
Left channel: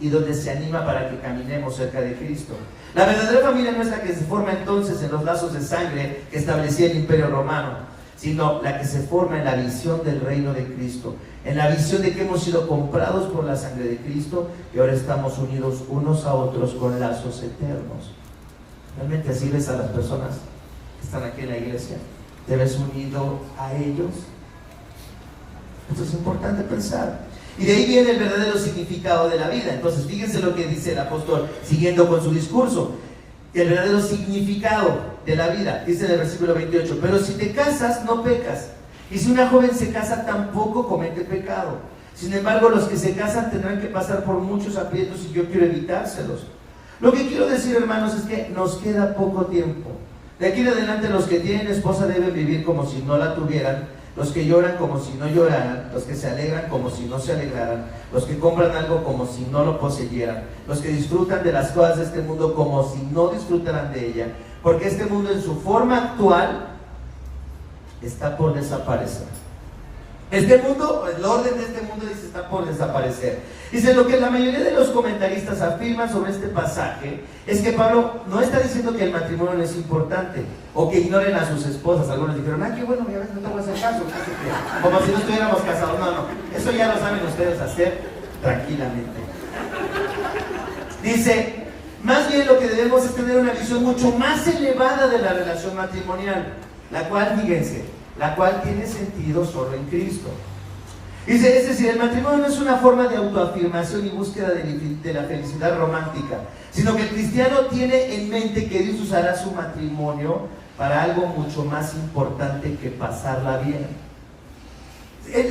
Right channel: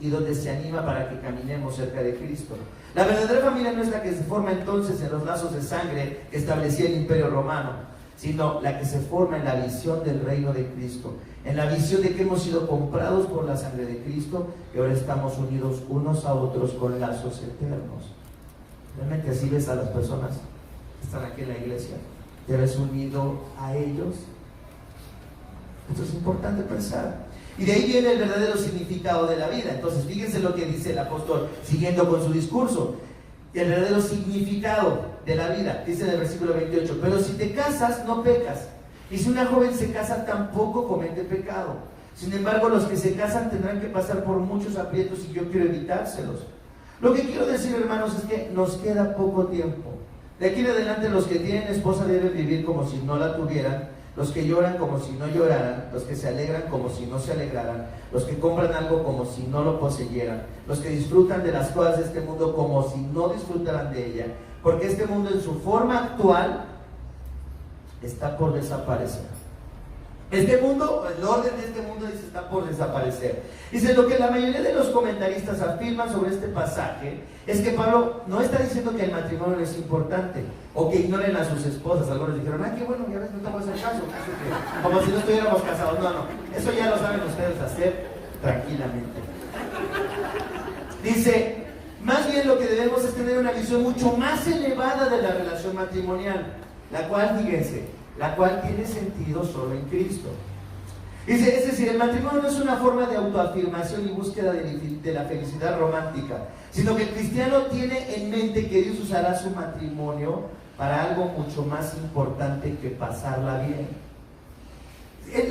y donde se anima para que caminemos cerca de Cristo. La verdadera familia no es la que se forma entonces en los lazos de sangre que establecía el Imperio Romano, sino la que se forma en la visión del reino de Cristo, en la visión de que hemos sido comprados por la sangre de Cristo y ahora estamos unidos unos a otros con lazos eternos. ¿Realmente así ves a las personas que están aquí en la iglesia? ¿Te ves unido a ellos? Esto es importante pensar. Y de ahí viene el verdadero significado de la vida. Entonces, fíjense lo que dice el apóstol, siguiendo con su discurso. El verdadero significado de la vida, dice en el versículo 28, pero si te casas, no pecas. Y si una joven se casa, tampoco comete pecado. Sin embargo, los que se casan tendrán que pasar por muchos aprietos y yo quiero evitárselos. Lo que quiero decir, hermanos, es que nos queda poco tiempo. De aquí en adelante, los que tienen esposa deben vivir como si no la tuvieran, los que lloran como si no lloraran, los que se alegran como si no se alegraran, los que compran algo como si no lo poseyeran, los que disfrutan de las cosas de este mundo como si no disfrutaran de ella, porque este mundo en su forma actual está por desaparecer. Este mundo, el orden de este mundo, dice, está por desaparecer. Dice, lo que la mayoría de los comentaristas afirman sobre este pasaje es que Pablo no está diciendo que el matrimonio no es importante o que ignoren a sus esposas. Algunos dijeron, qué bueno, ya ves, no te voy a hacer caso, como si no estuviéramos casados. No, eso ya lo saben ustedes hacer tranquilamente. Dice, más bien lo que debemos es tener una visión mucho más elevada de la relación matrimonial, la cual, fíjense, la cual tiene sentido solo en Cristo. Dice, es decir, el matrimonio no es una forma de autoafirmación y búsqueda de la felicidad romántica, sino que el cristiano tiene en mente que Dios usará su matrimonio para algo mucho más importante que pasarla bien.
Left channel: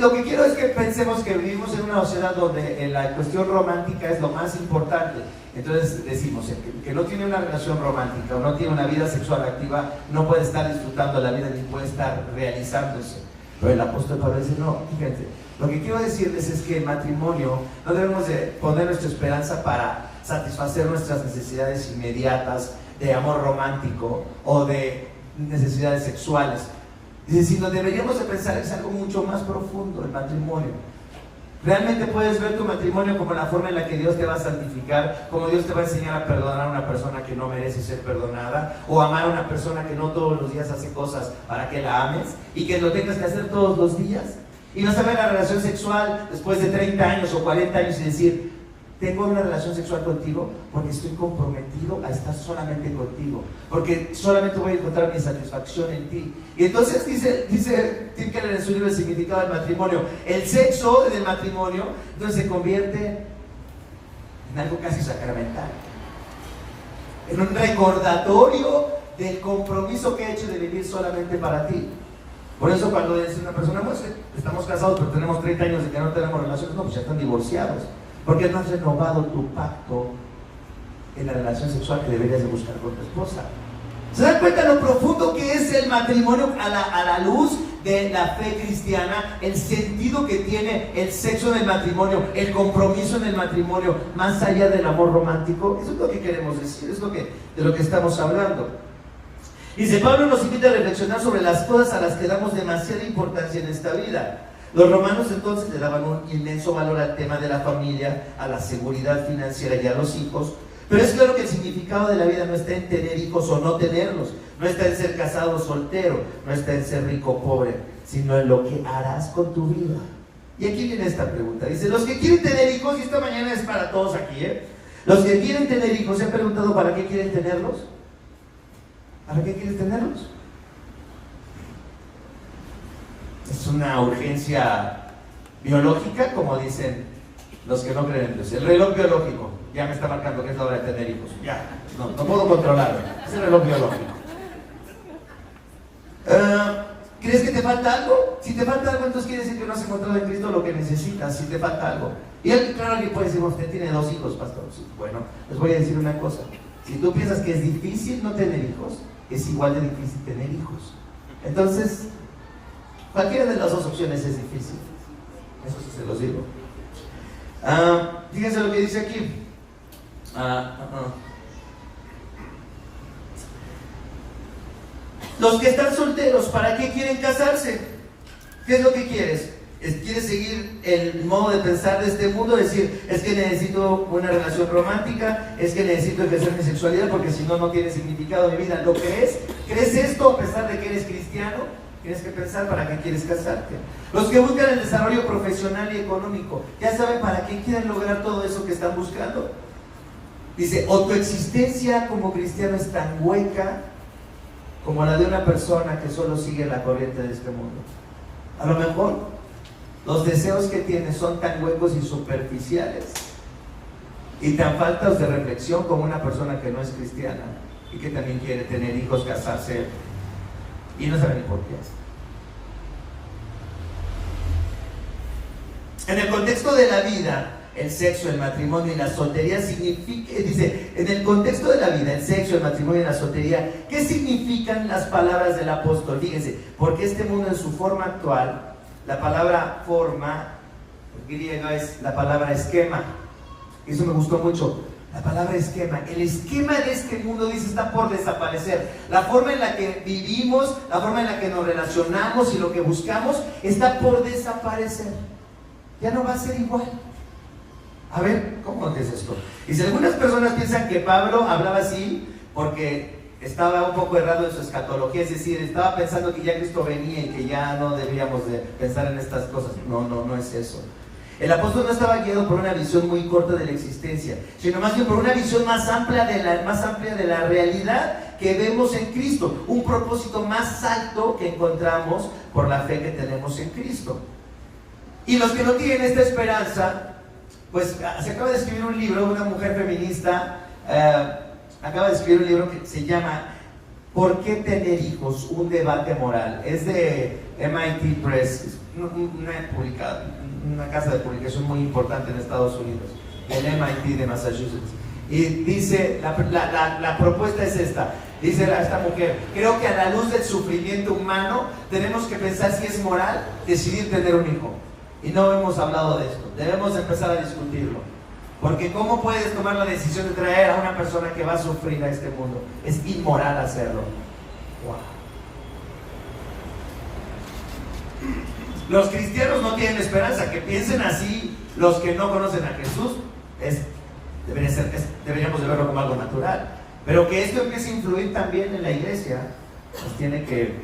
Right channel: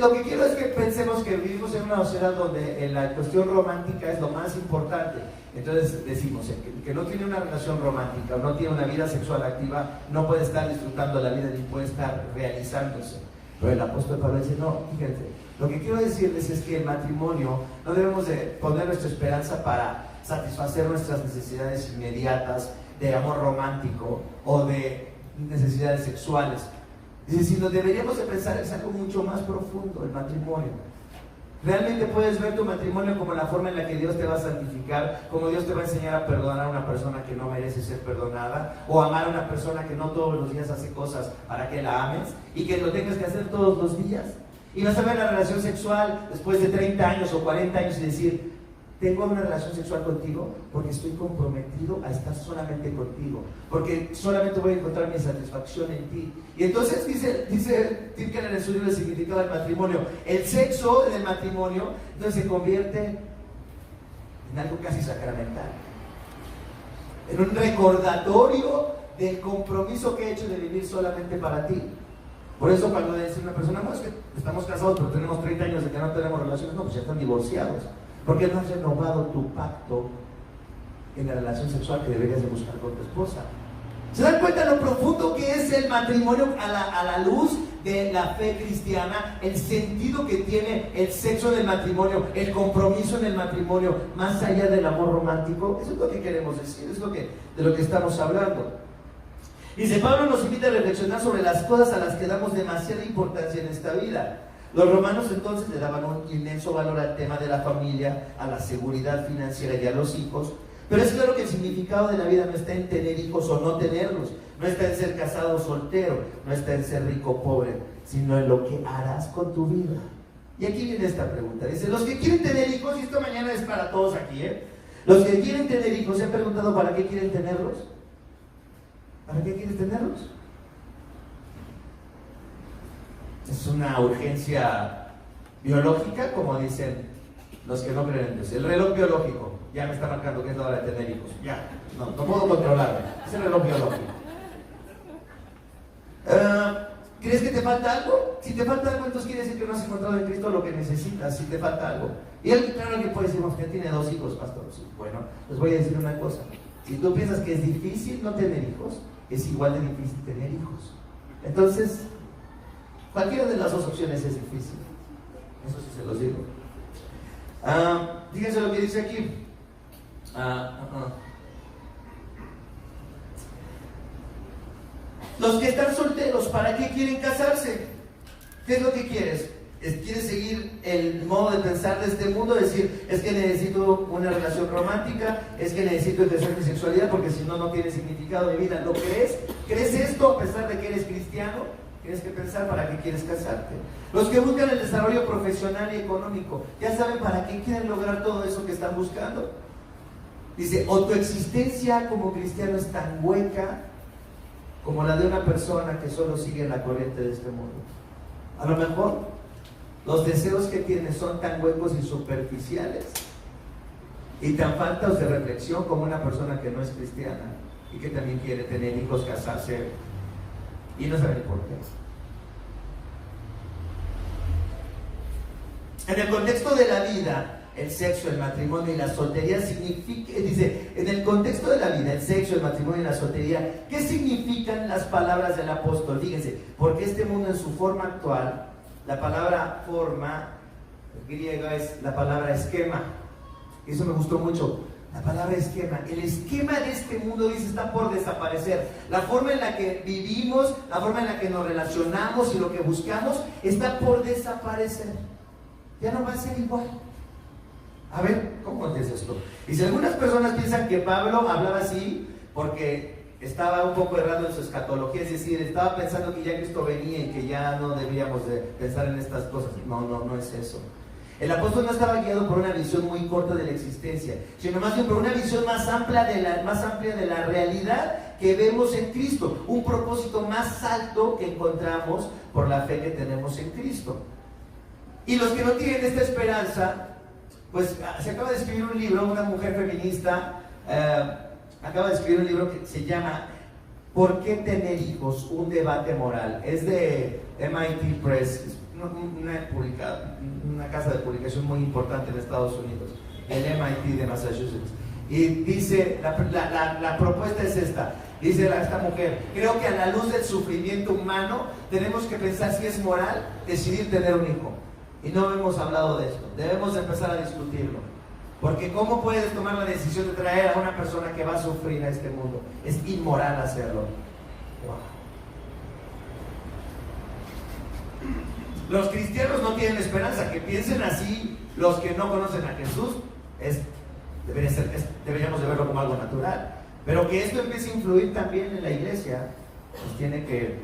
Lo que quiero es que pensemos que vivimos en una sociedad donde la cuestión romántica es lo más importante. Entonces decimos, el que no tiene una relación romántica o no tiene una vida sexual activa no puede estar disfrutando la vida ni puede estar realizándose. Pero el apóstol Pablo dice, no, fíjense, lo que quiero decirles es que el matrimonio no debemos de poner nuestra esperanza para satisfacer nuestras necesidades inmediatas de amor romántico o de necesidades sexuales. Dice, sino deberíamos de pensar es algo mucho más profundo, el matrimonio. Realmente puedes ver tu matrimonio como la forma en la que Dios te va a santificar, como Dios te va a enseñar a perdonar a una persona que no merece ser perdonada, o amar a una persona que no todos los días hace cosas para que la ames y que lo tengas que hacer todos los días. Y vas a ver la relación sexual después de 30 años o 40 años y decir, tengo una relación sexual contigo porque estoy comprometido a estar solamente contigo, porque solamente voy a encontrar mi satisfacción en ti. Y entonces dice Tim Keller en su libro El significado del matrimonio, el sexo en el matrimonio entonces se convierte en algo casi sacramental, en un recordatorio del compromiso que he hecho de vivir solamente para ti. Por eso cuando dice una persona, no, es que estamos casados pero tenemos 30 años de que no tenemos relaciones, no, pues ya están divorciados. Porque no has renovado tu pacto en la relación sexual que deberías de buscar con tu esposa. ¿Se dan cuenta lo profundo que es el matrimonio a la luz de la fe cristiana? El sentido que tiene el sexo en el matrimonio, el compromiso en el matrimonio, más allá del amor romántico. Eso es lo que queremos decir, es de lo que estamos hablando. Dice, Pablo nos invita a reflexionar sobre las cosas a las que damos demasiada importancia en esta vida. Los romanos entonces le daban un inmenso valor al tema de la familia, a la seguridad financiera y a los hijos, pero es claro que el significado de la vida no está en tener hijos o no tenerlos, no está en ser casado o soltero, no está en ser rico o pobre, sino en lo que harás con tu vida. Y aquí viene esta pregunta, dice, los que quieren tener hijos, y esta mañana es para todos aquí, los que quieren tener hijos, ¿se han preguntado para qué quieren tenerlos? ¿Para qué quieres tenerlos? Es una urgencia biológica, como dicen los que no creen en Dios. El reloj biológico ya me está marcando que es la hora de tener hijos. Ya, no puedo controlarlo. Es el reloj biológico. ¿Crees que te falta algo? Si te falta algo, entonces quiere decir que no has encontrado en Cristo lo que necesitas. Si te falta algo. Y claro, alguien puede decir, usted tiene 2 hijos, pastor. Bueno, les voy a decir una cosa. Si tú piensas que es difícil no tener hijos, es igual de difícil tener hijos. Entonces, cualquiera de las dos opciones es difícil. Eso sí se los digo. Fíjense lo que dice aquí. Los que están solteros, ¿para qué quieren casarse? ¿Qué es lo que quieres? ¿Quieres seguir el modo de pensar de este mundo? Decir, es que necesito una relación romántica, es que necesito ejercer mi sexualidad porque si no, no tiene significado mi vida. ¿Lo crees? ¿Crees esto a pesar de que eres cristiano? Tienes que pensar para qué quieres casarte. Los que buscan el desarrollo profesional y económico, ya saben para qué quieren lograr todo eso que están buscando. Dice, o tu existencia como cristiano es tan hueca como la de una persona que solo sigue la corriente de este mundo. A lo mejor los deseos que tienes son tan huecos y superficiales y tan faltos de reflexión como una persona que no es cristiana y que también quiere tener hijos, casarse y no sabe ni por qué. En el contexto de la vida, el sexo, el matrimonio y la soltería significa, dice, en el contexto de la vida, el sexo, el matrimonio y la soltería, ¿qué significan las palabras del apóstol? Fíjense, porque este mundo en su forma actual, la palabra forma griega es la palabra esquema. Eso me gustó mucho. La palabra esquema. El esquema de este mundo, dice, está por desaparecer. La forma en la que vivimos, la forma en la que nos relacionamos y lo que buscamos está por desaparecer. Ya no va a ser igual. A ver, ¿cómo es esto? Y si algunas personas piensan que Pablo hablaba así porque estaba un poco errado en su escatología, es decir, estaba pensando que ya Cristo venía y que ya no debíamos de pensar en estas cosas. No es eso. El apóstol no estaba guiado por una visión muy corta de la existencia, sino más bien por una visión más amplia de la realidad que vemos en Cristo, un propósito más alto que encontramos por la fe que tenemos en Cristo. Y los que no tienen esta esperanza, pues se acaba de escribir un libro, una mujer feminista acaba de escribir un libro que se llama ¿Por qué tener hijos? Un debate moral. Es de MIT Press, una casa de publicación muy importante en Estados Unidos, el MIT de Massachusetts. Y dice, la propuesta es esta, dice esta mujer: creo que a la luz del sufrimiento humano tenemos que pensar si es moral decidir tener un hijo. Y no hemos hablado de esto, debemos empezar a discutirlo. Porque ¿cómo puedes tomar la decisión de traer a una persona que va a sufrir a este mundo? Es inmoral hacerlo. Wow. Los cristianos no tienen esperanza. Que piensen así los que no conocen a Jesús deberíamos de verlo como algo natural. Pero que esto empiece a influir también en la iglesia nos tiene que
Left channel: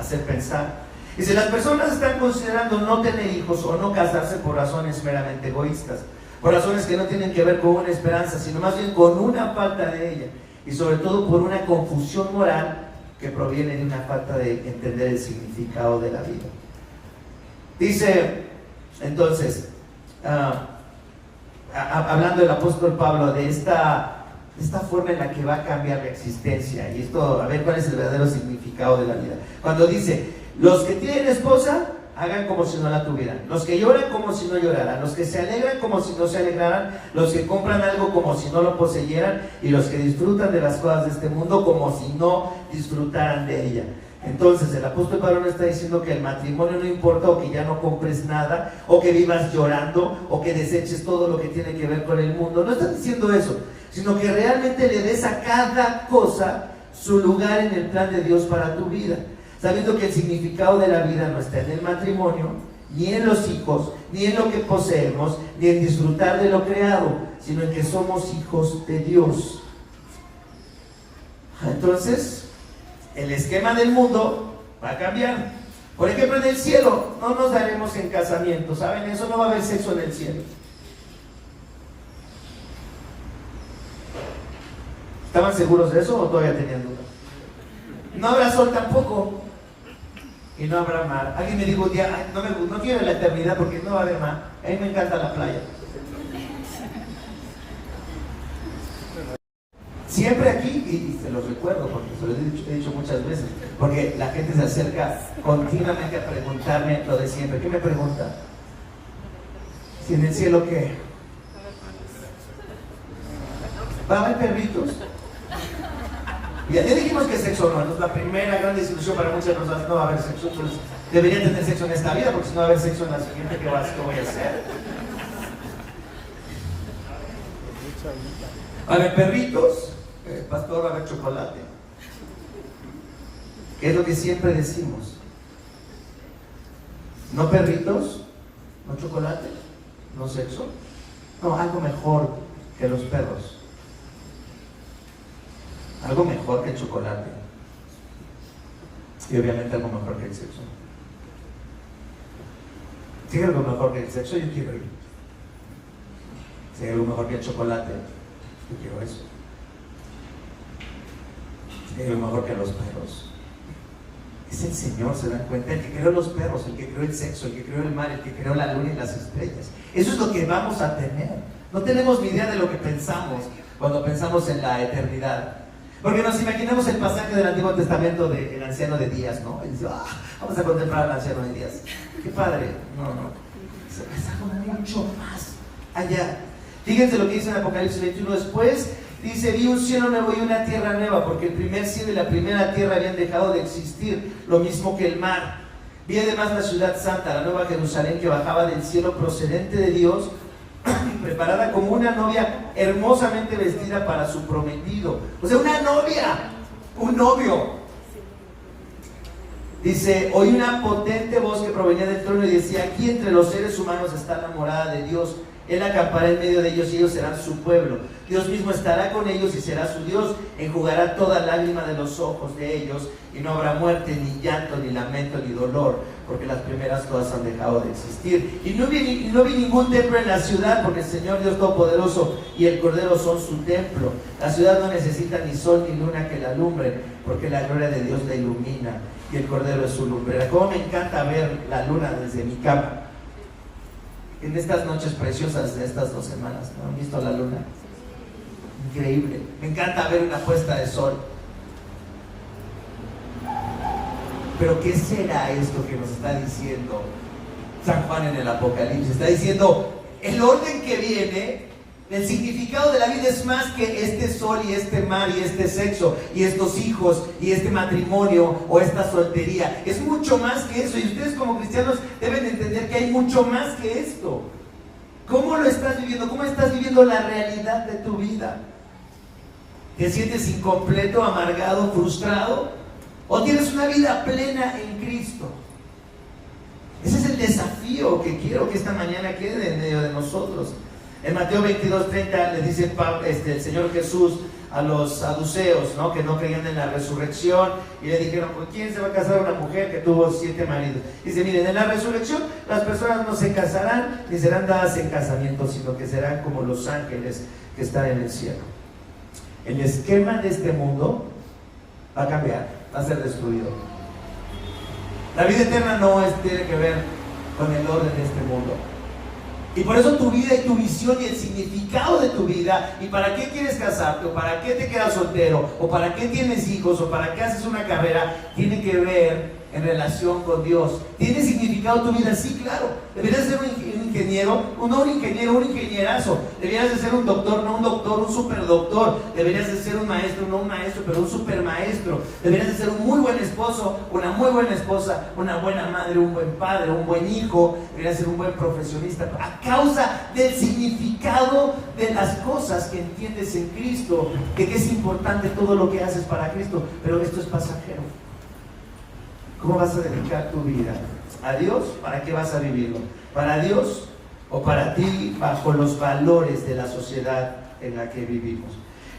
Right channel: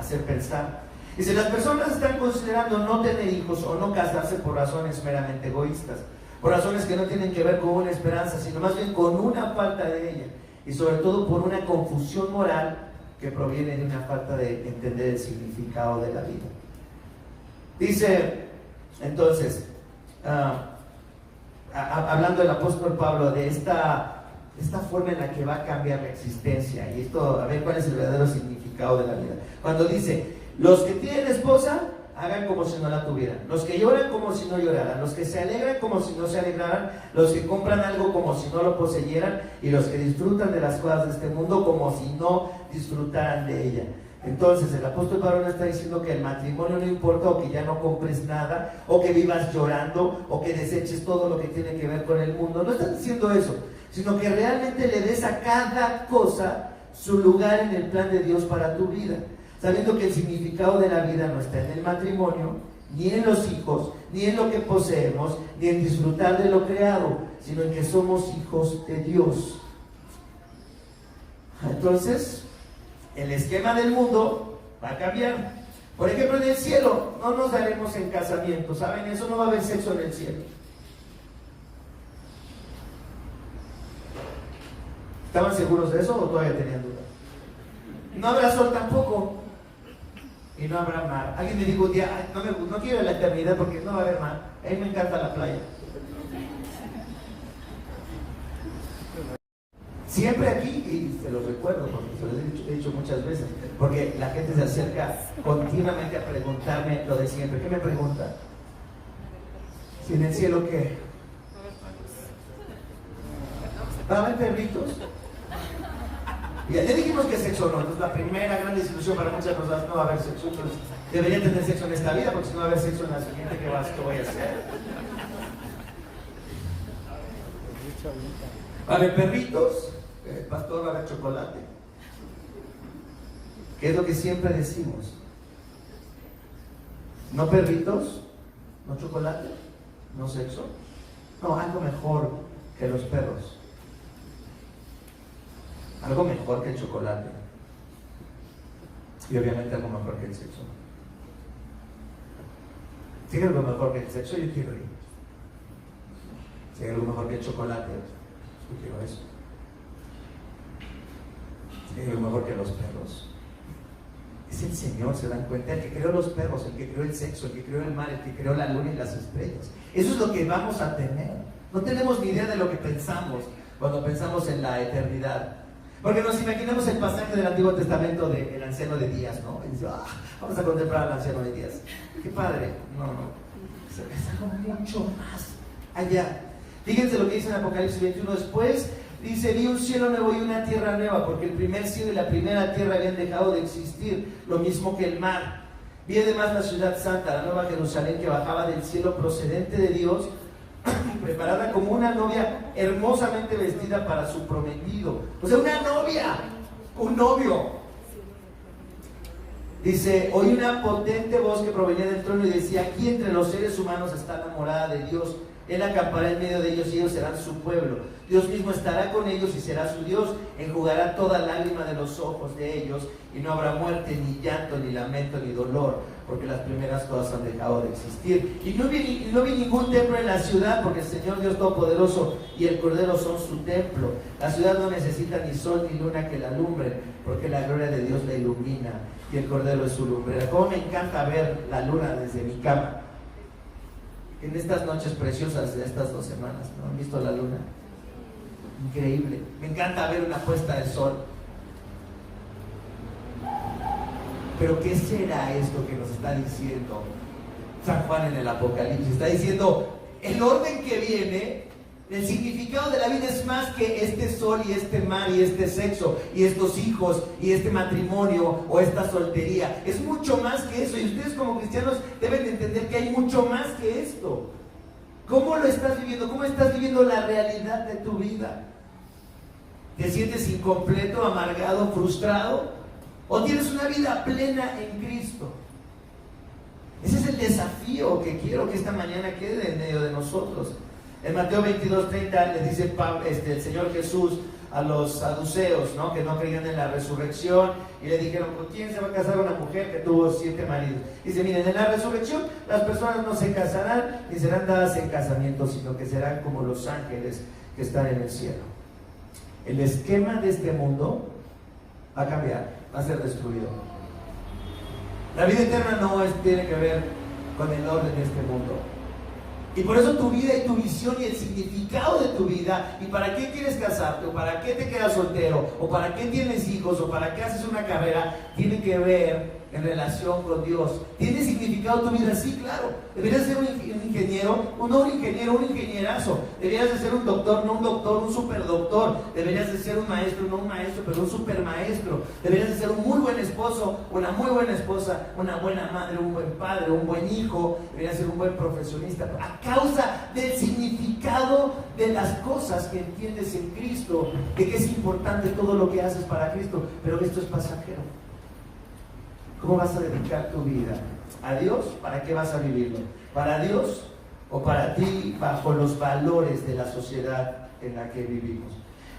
hacer pensar. Y si las personas están considerando no tener hijos o no casarse por razones meramente egoístas, por razones que no tienen que ver con una esperanza, sino más bien con una falta de ella, y sobre todo por una confusión moral que proviene de una falta de entender el significado de la vida. Dice entonces, hablando el apóstol Pablo de esta forma en la que va a cambiar la existencia, y esto, a ver cuál es el verdadero significado de la vida. Cuando dice: los que tienen esposa, hagan como si no la tuvieran. Los que lloran, como si no lloraran. Los que se alegran, como si no se alegraran. Los que compran algo, como si no lo poseyeran. Y los que disfrutan de las cosas de este mundo, como si no disfrutaran de ella. Entonces, el apóstol Pablo no está diciendo que el matrimonio no importa, o que ya no compres nada, o que vivas llorando, o que deseches todo lo que tiene que ver con el mundo. No está diciendo eso, sino que realmente le des a cada cosa su lugar en el plan de Dios para tu vida, sabiendo que el significado de la vida no está en el matrimonio, ni en los hijos, ni en lo que poseemos, ni en disfrutar de lo creado, sino en que somos hijos de Dios. Entonces, el esquema del mundo va a cambiar. Por ejemplo, en el cielo no nos daremos en casamiento, ¿saben? Eso no va a haber sexo en el cielo. ¿Estaban seguros de eso o todavía tenían dudas? No habrá sol tampoco. Y no habrá mar. Alguien me dijo un día: no quiero la eternidad porque no va a haber mar. A mí me encanta la playa. Siempre aquí, y se los recuerdo porque se los he dicho muchas veces, porque la gente se acerca continuamente a preguntarme lo de siempre. ¿Qué me pregunta? Si en el cielo, ¿qué? ¿Va a haber perritos? Ya dijimos que sexo no, es la primera gran desilusión para muchas personas. No va a haber sexo, pues debería tener sexo en esta vida, porque si no va a haber sexo en la siguiente, ¿qué voy a hacer? Va a haber perritos, el pastor va a haber chocolate. ¿Qué es lo que siempre decimos? No perritos, no chocolate, no sexo. No, algo mejor que los perros. Algo mejor que el chocolate. Y obviamente algo mejor que el sexo. Si hay algo mejor que el sexo, yo quiero ir. Si hay algo mejor que el chocolate, yo quiero eso. Si hay algo mejor que los perros, es el Señor, ¿se dan cuenta? El que creó los perros, el que creó el sexo, el que creó el mar, el que creó la luna y las estrellas. Eso es lo que vamos a tener. No tenemos ni idea de lo que pensamos cuando pensamos en la eternidad. Porque nos imaginamos el pasaje del Antiguo Testamento del anciano de Días, ¿no? Y dice: vamos a contemplar al anciano de Días. ¡Qué padre! No. Es algo mucho más allá. Fíjense lo que dice en Apocalipsis 21. Después dice: vi un cielo nuevo y una tierra nueva, porque el primer cielo y la primera tierra habían dejado de existir, lo mismo que el mar. Vi además la ciudad santa, la nueva Jerusalén, que bajaba del cielo procedente de Dios, preparada como una novia hermosamente vestida para su prometido. O sea, una novia, un novio. Dice: oí una potente voz que provenía del trono y decía: aquí entre los seres humanos está la morada de Dios. Él acampará en medio de ellos y ellos serán su pueblo. Dios mismo estará con ellos y será su Dios. Enjugará toda lágrima de los ojos de ellos, y no habrá muerte, ni llanto, ni lamento, ni dolor, porque las primeras todas han dejado de existir. Y no vi ningún templo en la ciudad, porque el Señor Dios Todopoderoso y el Cordero son su templo. La ciudad no necesita ni sol ni luna que la alumbren, porque la gloria de Dios la ilumina y el Cordero es su lumbrera. Cómo me encanta ver la luna desde mi cama en estas noches preciosas de estas 2 semanas. ¿No han visto la luna? Increíble. Me encanta ver una puesta de sol. Pero ¿qué será esto que nos está diciendo San Juan en el Apocalipsis? Está diciendo: el orden que viene, el significado de la vida es más que este sol y este mar y este sexo y estos hijos y este matrimonio o esta soltería. Es mucho más que eso, y ustedes como cristianos deben entender que hay mucho más que esto. ¿Cómo lo estás viviendo? ¿Cómo estás viviendo la realidad de tu vida? ¿Te sientes incompleto, amargado, frustrado? ¿O tienes una vida plena en Cristo? Ese es el desafío que quiero que esta mañana quede en medio de nosotros. En Mateo 22:30 le dice el Señor Jesús a los saduceos, ¿no?, que no creían en la resurrección, y le dijeron: ¿con quién se va a casar una mujer que tuvo 7 maridos? Dice: miren, en la resurrección las personas no se casarán ni serán dadas en casamiento, sino que serán como los ángeles que están en el cielo. El esquema de este mundo va a cambiar, va a ser destruido. La vida eterna no tiene que ver con el orden de este mundo. Y por eso tu vida y tu visión y el significado de tu vida, y para qué quieres casarte, o para qué te quedas soltero, o para qué tienes hijos, o para qué haces una carrera, tiene que ver en relación con Dios. ¿Tiene significado tu vida? Sí, claro. Deberías ser un ingeniero, no un ingeniero, un ingenierazo. Deberías de ser un doctor, no un doctor, un superdoctor. Deberías de ser un maestro, no un maestro, pero un supermaestro. Deberías de ser un muy buen esposo, una muy buena esposa, una buena madre, un buen padre, un buen hijo. Deberías ser un buen profesionista, a causa del significado de las cosas que entiendes en Cristo, de que es importante todo lo que haces para Cristo, pero esto es pasajero. ¿Cómo vas a dedicar tu vida? ¿A Dios? ¿Para qué vas a vivirlo? ¿Para Dios o para ti, bajo los valores de la sociedad en la que vivimos?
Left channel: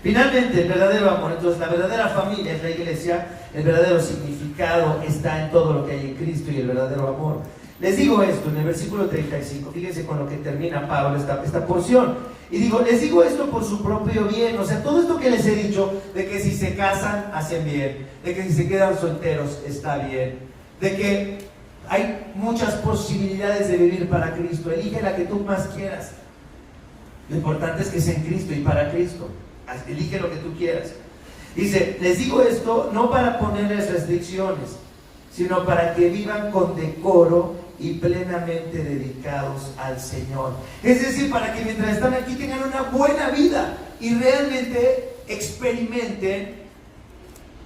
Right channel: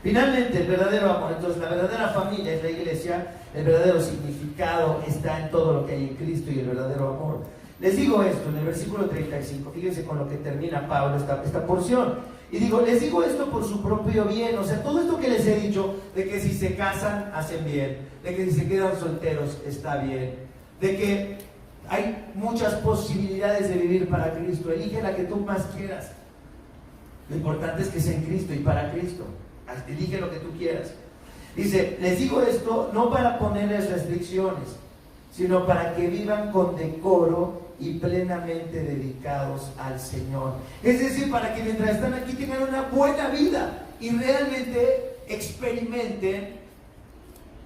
Finalmente, el verdadero amor. Entonces, la verdadera familia es la iglesia. El verdadero significado está en todo lo que hay en Cristo y el verdadero amor. Les digo esto en el versículo 35. Fíjense con lo que termina Pablo esta porción. Y digo, les digo esto por su propio bien. O sea, todo esto que les he dicho, de que si se casan, hacen bien, de que si se quedan solteros, está bien, de que hay muchas posibilidades de vivir para Cristo. Elige la que tú más quieras. Lo importante es que sea en Cristo y para Cristo. Elige lo que tú quieras. Dice, les digo esto no para ponerles restricciones, sino para que vivan con decoro y plenamente dedicados al Señor. Es decir, para que mientras están aquí tengan una buena vida y realmente experimenten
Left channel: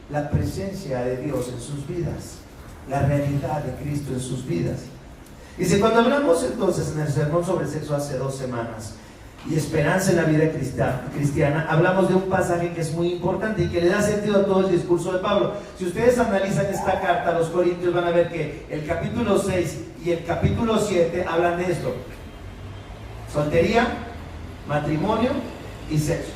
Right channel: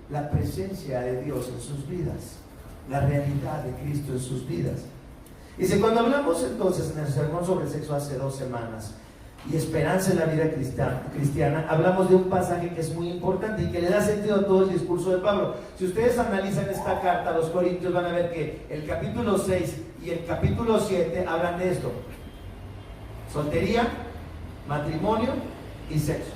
la presencia de Dios en sus vidas, la realidad de Cristo en sus vidas. Dice, cuando hablamos entonces en el sermón sobre sexo hace 2 semanas y esperanza en la vida cristiana, hablamos de un pasaje que es muy importante y que le da sentido a todo el discurso de Pablo. Si ustedes analizan esta carta a los Corintios, van a ver que el capítulo 6 y el capítulo 7 hablan de esto: soltería, matrimonio y sexo.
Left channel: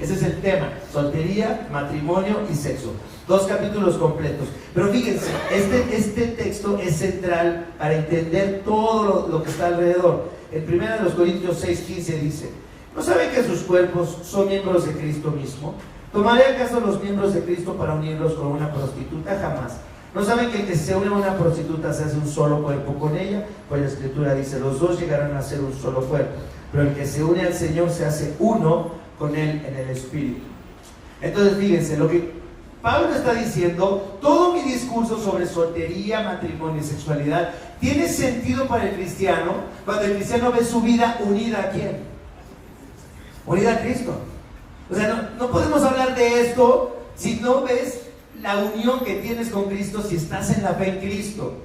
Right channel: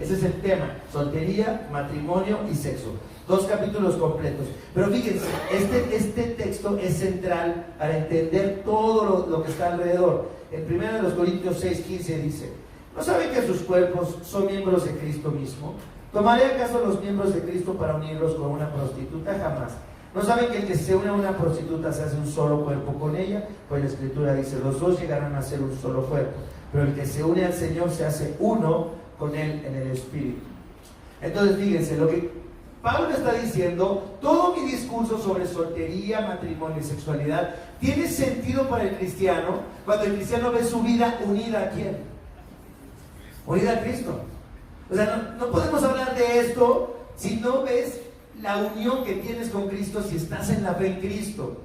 Ese es el tema: soltería, matrimonio y sexo. 2 capítulos completos. Pero fíjense, este texto es central para entender todo lo que está alrededor. En 1 Corintios 6:15 dice: ¿no saben que sus cuerpos son miembros de Cristo mismo? ¿Tomaré acaso los miembros de Cristo para unirlos con una prostituta? Jamás. ¿No saben que el que se une a una prostituta se hace un solo cuerpo con ella? Pues la Escritura dice: los dos llegarán a ser un solo cuerpo. Pero el que se une al Señor se hace uno con Él en el Espíritu. Entonces fíjense, lo que Pablo está diciendo: todo mi mi discurso sobre soltería, matrimonio y sexualidad tiene sentido para el cristiano cuando el cristiano ve su vida unida a ¿quién? Unida a Cristo. O sea, no podemos hablar de esto si no ves la unión que tienes con Cristo, si estás en la fe en Cristo.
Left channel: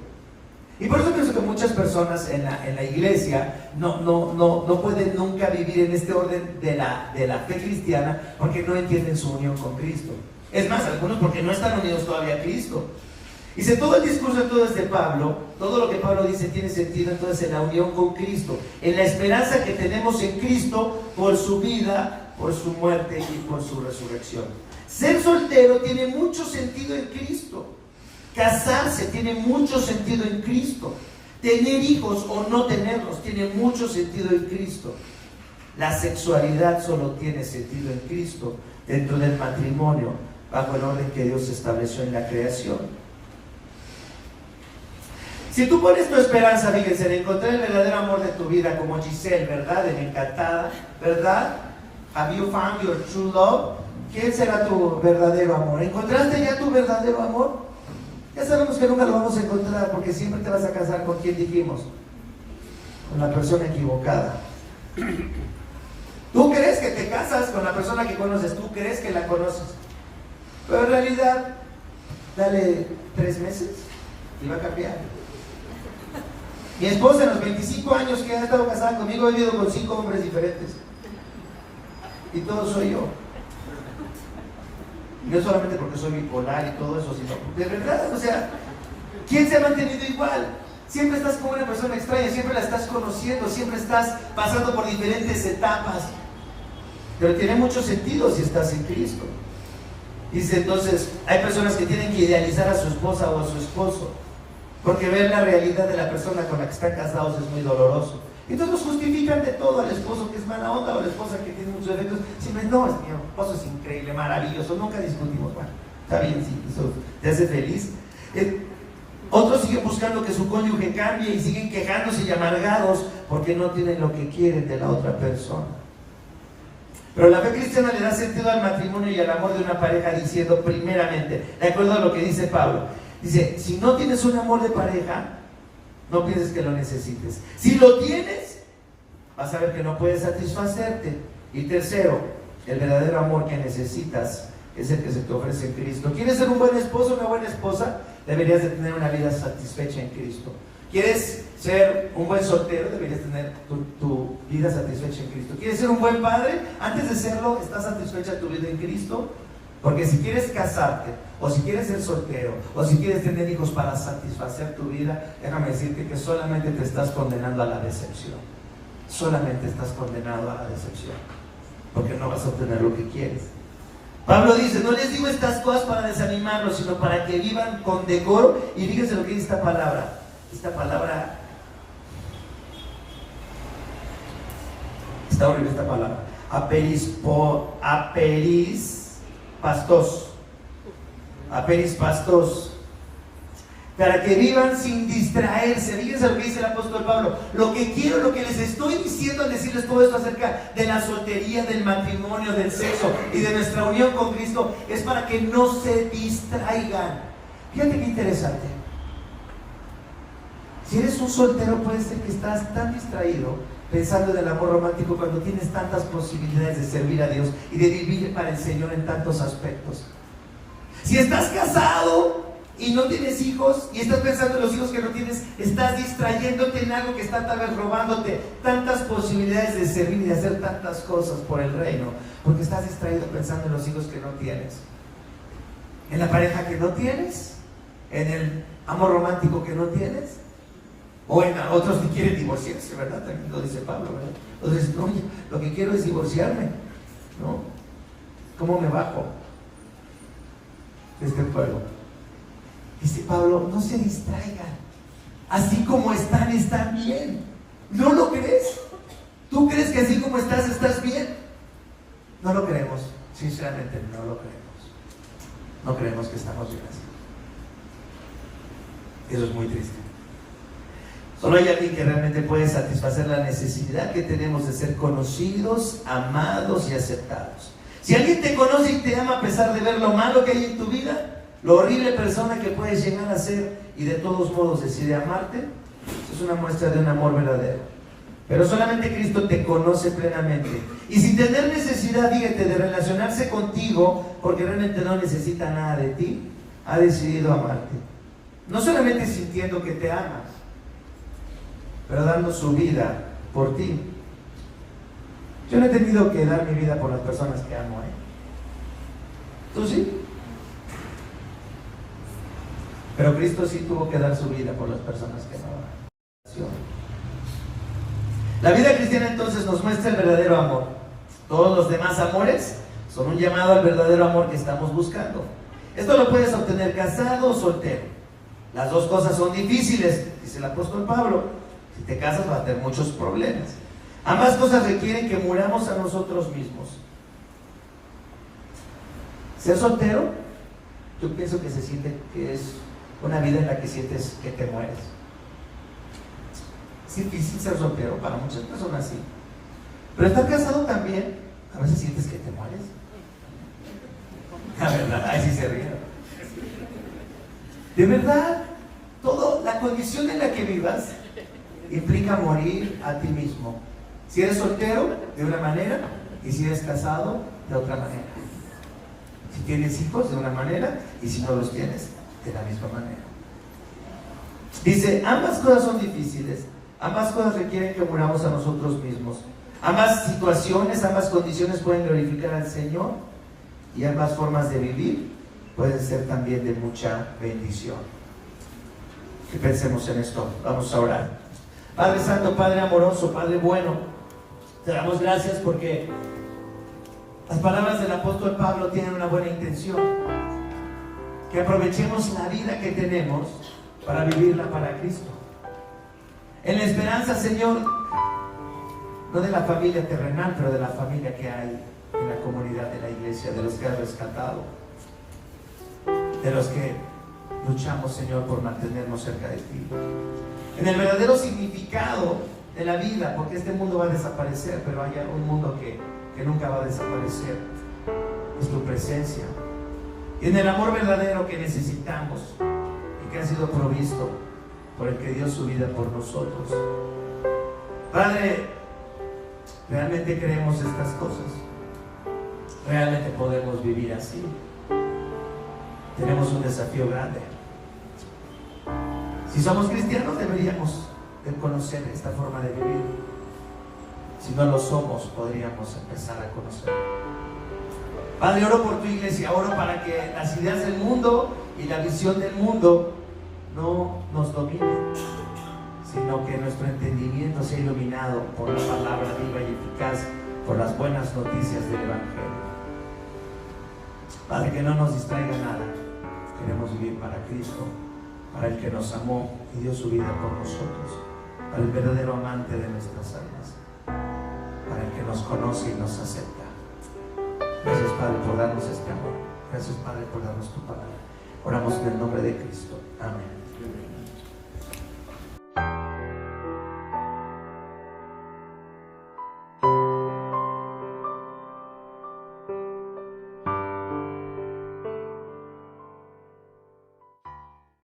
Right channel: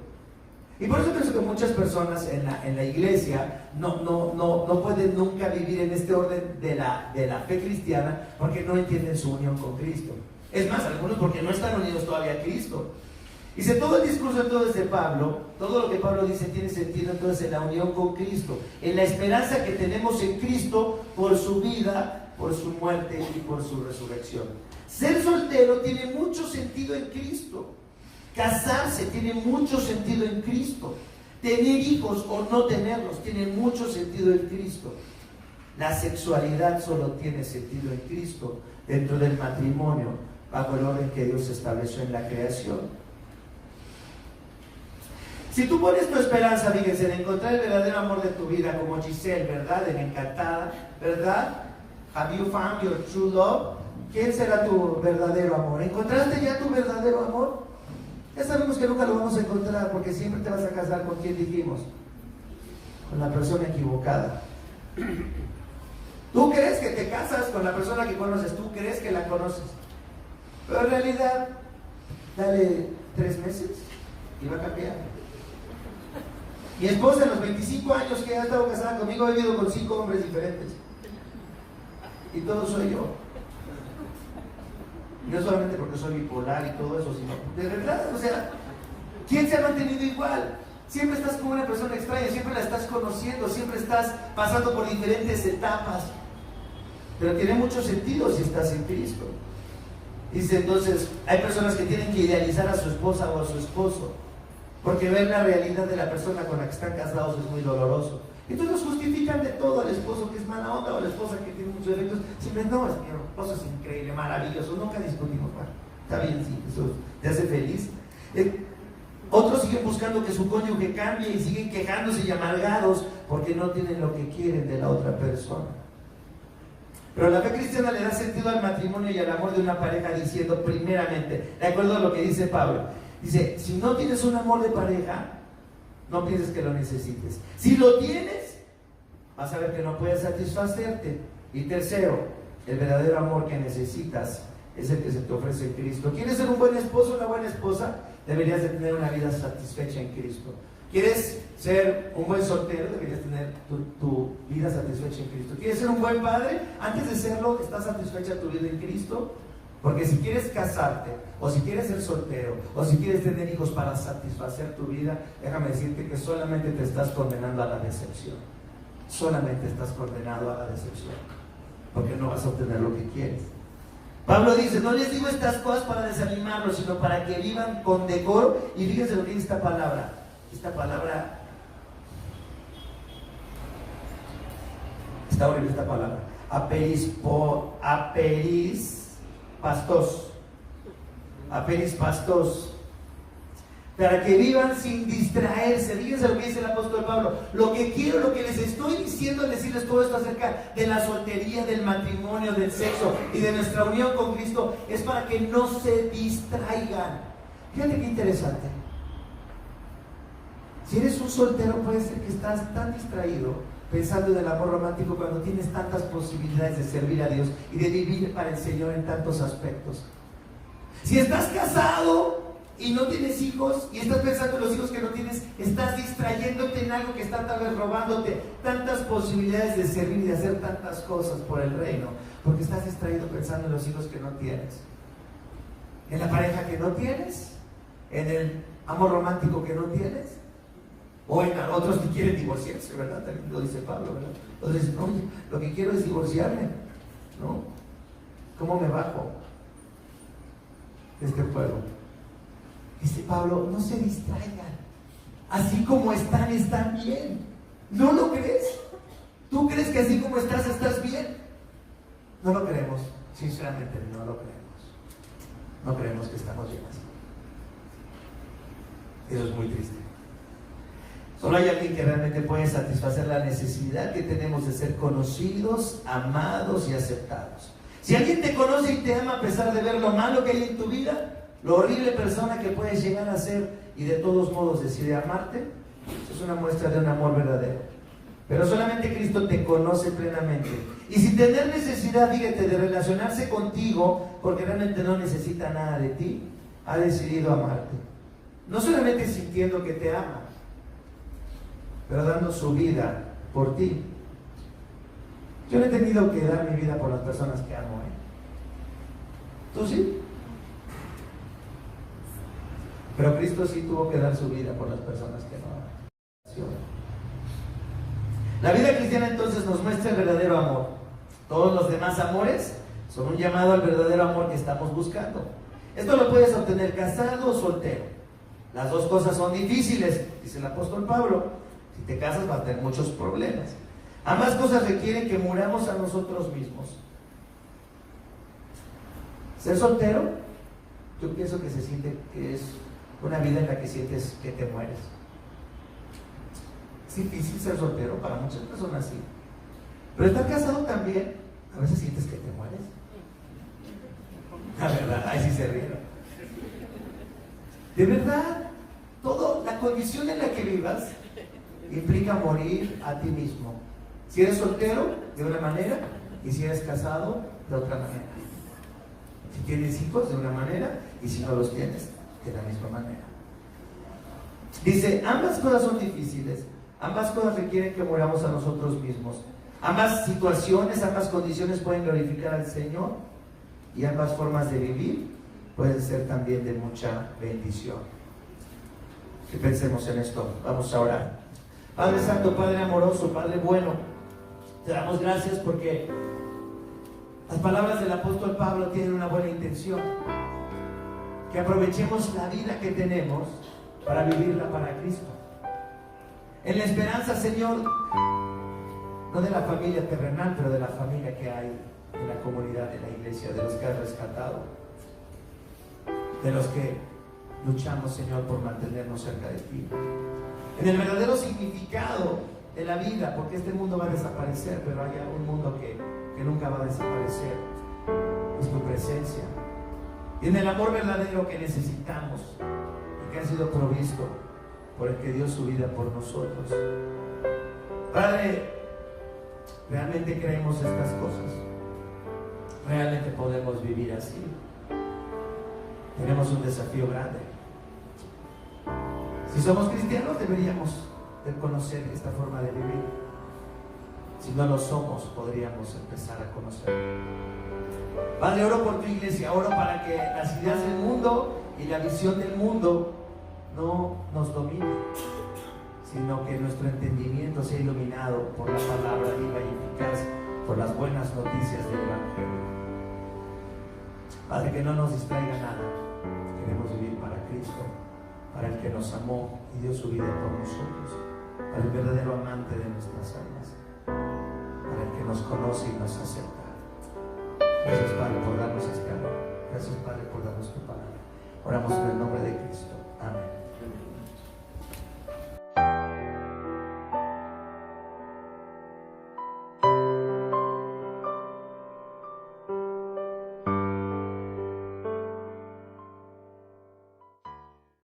Y por eso pienso que muchas personas en la iglesia no pueden nunca vivir en este orden de la fe cristiana porque no entienden su unión con Cristo. Es más, algunos porque no están unidos todavía a Cristo. Dice, todo el discurso entonces de Pablo, todo lo que Pablo dice tiene sentido entonces en la unión con Cristo, en la esperanza que tenemos en Cristo por su vida, por su muerte y por su resurrección. Ser soltero tiene mucho sentido en Cristo. Casarse tiene mucho sentido en Cristo. Tener hijos o no tenerlos tiene mucho sentido en Cristo. La sexualidad solo tiene sentido en Cristo dentro del matrimonio, bajo el orden que Dios estableció en la creación. Si tú pones tu esperanza, fíjense, en encontrar el verdadero amor de tu vida, como Giselle, ¿verdad? En Encantada, ¿verdad? Have you found your true love? ¿Quién será tu verdadero amor? ¿Encontraste ya tu verdadero amor? Ya sabemos que nunca lo vamos a encontrar porque siempre te vas a casar con quien dijimos, con la persona equivocada. Tú crees que te casas con la persona que conoces, tú crees que la conoces, pero en realidad, dale 3 meses y va a cambiar. Mi esposa en los 25 años que ha estado casada conmigo ha vivido con 5 hombres diferentes y todo soy yo. Y no solamente porque soy bipolar y todo eso, sino de verdad, o sea, ¿quién se ha mantenido igual? Siempre estás con una persona extraña, siempre la estás conociendo, siempre estás pasando por diferentes etapas. Pero tiene mucho sentido si estás en Cristo. Dice entonces, hay personas que tienen que idealizar a su esposa o a su esposo, porque ver la realidad de la persona con la que están casados es muy doloroso. Entonces justifican de todo al esposo que es mala onda o a la esposa que tiene muchos defectos. Siempre, no, mi esposo es increíble, maravilloso, nunca discutimos. Bueno, está bien, sí, eso te hace feliz. Otros siguen buscando que su cónyuge cambie y siguen quejándose y amargados porque no tienen lo que quieren de la otra persona. Pero la fe cristiana le da sentido al matrimonio y al amor de una pareja diciendo, primeramente, de acuerdo a lo que dice Pablo, dice, si no tienes un amor de pareja, no pienses que lo necesites. Si lo tienes, vas a ver que no puedes satisfacerte. Y tercero, el verdadero amor que necesitas es el que se te ofrece en Cristo. ¿Quieres ser un buen esposo, una buena esposa? Deberías de tener una vida satisfecha en Cristo. ¿Quieres ser un buen soltero? Deberías tener tu vida satisfecha en Cristo. ¿Quieres ser un buen padre? Antes de serlo, ¿estás satisfecha tu vida en Cristo? Porque si quieres casarte, o si quieres ser soltero, o si quieres tener hijos para satisfacer tu vida, déjame decirte que solamente te estás condenando a la decepción. Solamente estás condenado a la decepción, porque no vas a obtener lo que quieres. Pablo dice, no les digo estas cosas para desanimarlos, sino para que vivan con decoro. Y fíjense lo que dice esta palabra. Esta palabra está horrible esta palabra. Aperis pastos, para que vivan sin distraerse. Fíjense lo que dice el apóstol Pablo. Lo que quiero, lo que les estoy diciendo al decirles todo esto acerca de la soltería, del matrimonio, del sexo y de nuestra unión con Cristo, es para que no se distraigan. Fíjate qué interesante. Si eres un soltero, puede ser que estás tan distraído pensando en el amor romántico cuando tienes tantas posibilidades de servir a Dios y de vivir para el Señor en tantos aspectos. Si estás casado y no tienes hijos y estás pensando en los hijos que no tienes, estás distrayéndote en algo que está tal vez robándote tantas posibilidades de servir y de hacer tantas cosas por el reino, porque estás distraído pensando en los hijos que no tienes, en la pareja que no tienes, en el amor romántico que no tienes, o en otros que quieren divorciarse, ¿verdad? También lo dice Pablo, ¿verdad? Entonces, oye, lo que quiero es divorciarme, ¿no? ¿Cómo me bajo de este pueblo? Dice Pablo, no se distraigan. Así como están bien. ¿No lo crees? ¿Tú crees que así como estás bien? No lo creemos. Sinceramente, no lo creemos. No creemos que estamos bien así. Eso es muy triste. Solo hay alguien que realmente puede satisfacer la necesidad que tenemos de ser conocidos, amados y aceptados. Si alguien te conoce y te ama a pesar de ver lo malo que hay en tu vida, lo horrible persona que puedes llegar a ser y de todos modos decide amarte, eso es una muestra de un amor verdadero. Pero solamente Cristo te conoce plenamente. Y sin tener necesidad, fíjate, de relacionarse contigo, porque realmente no necesita nada de ti, ha decidido amarte. No solamente sintiendo que te ama, pero dando su vida por ti. Yo no he tenido que dar mi vida por las personas que amo, ¿Tú sí? Pero Cristo sí tuvo que dar su vida por las personas que amaba. La vida cristiana entonces nos muestra el verdadero amor. Todos los demás amores son un llamado al verdadero amor que estamos buscando. Esto lo puedes obtener casado o soltero. Las dos cosas son difíciles, dice el apóstol Pablo. Si te casas vas a tener muchos problemas. Ambas cosas requieren que muramos a nosotros mismos. Ser soltero, yo pienso que se siente que es una vida en la que sientes que te mueres. Es difícil ser soltero, para muchas personas sí. Pero estar casado también, a veces sientes que te mueres. La verdad, ahí sí se ríe. De verdad, la condición en la que vivas implica morir a ti mismo. Si eres soltero, de una manera, y si eres casado, de otra manera. Si tienes hijos, de una manera, y si no los tienes, de la misma manera. Dice, ambas cosas son difíciles, ambas cosas requieren que muramos a nosotros mismos. Ambas situaciones, ambas condiciones pueden glorificar al Señor, y ambas formas de vivir pueden ser también de mucha bendición. Que pensemos en esto. Vamos a orar. Padre Santo, Padre amoroso, Padre bueno, te damos gracias porque las palabras del apóstol Pablo tienen una buena intención. Que aprovechemos la vida que tenemos para vivirla para Cristo. En la esperanza, Señor, no de la familia terrenal, pero de la familia que hay en la comunidad de la iglesia, de los que has rescatado, de los que luchamos, Señor, por mantenernos cerca de ti. En el verdadero significado de la vida, porque este mundo va a desaparecer, pero hay un mundo que nunca va a desaparecer, es tu presencia. Y en el amor verdadero que necesitamos y que ha sido provisto por el que dio su vida por nosotros. Padre, realmente creemos estas cosas. Realmente podemos vivir así. Tenemos un desafío grande. Si somos cristianos, deberíamos de conocer esta forma de vivir. Si no lo somos, podríamos empezar a conocer. Padre, oro por tu iglesia, oro para que las ideas del mundo y la visión del mundo no nos dominen, sino que nuestro entendimiento sea iluminado por la palabra viva y eficaz, por las buenas noticias del Evangelio. Padre, que no nos distraiga nada. Queremos vivir para Cristo, para el que nos amó y dio su vida por nosotros, para el verdadero amante de nuestras almas, para el que nos conoce y nos acepta. Gracias, Padre, por darnos este amor. Gracias, Padre, por darnos tu palabra. Oramos en el nombre de Cristo. Amén.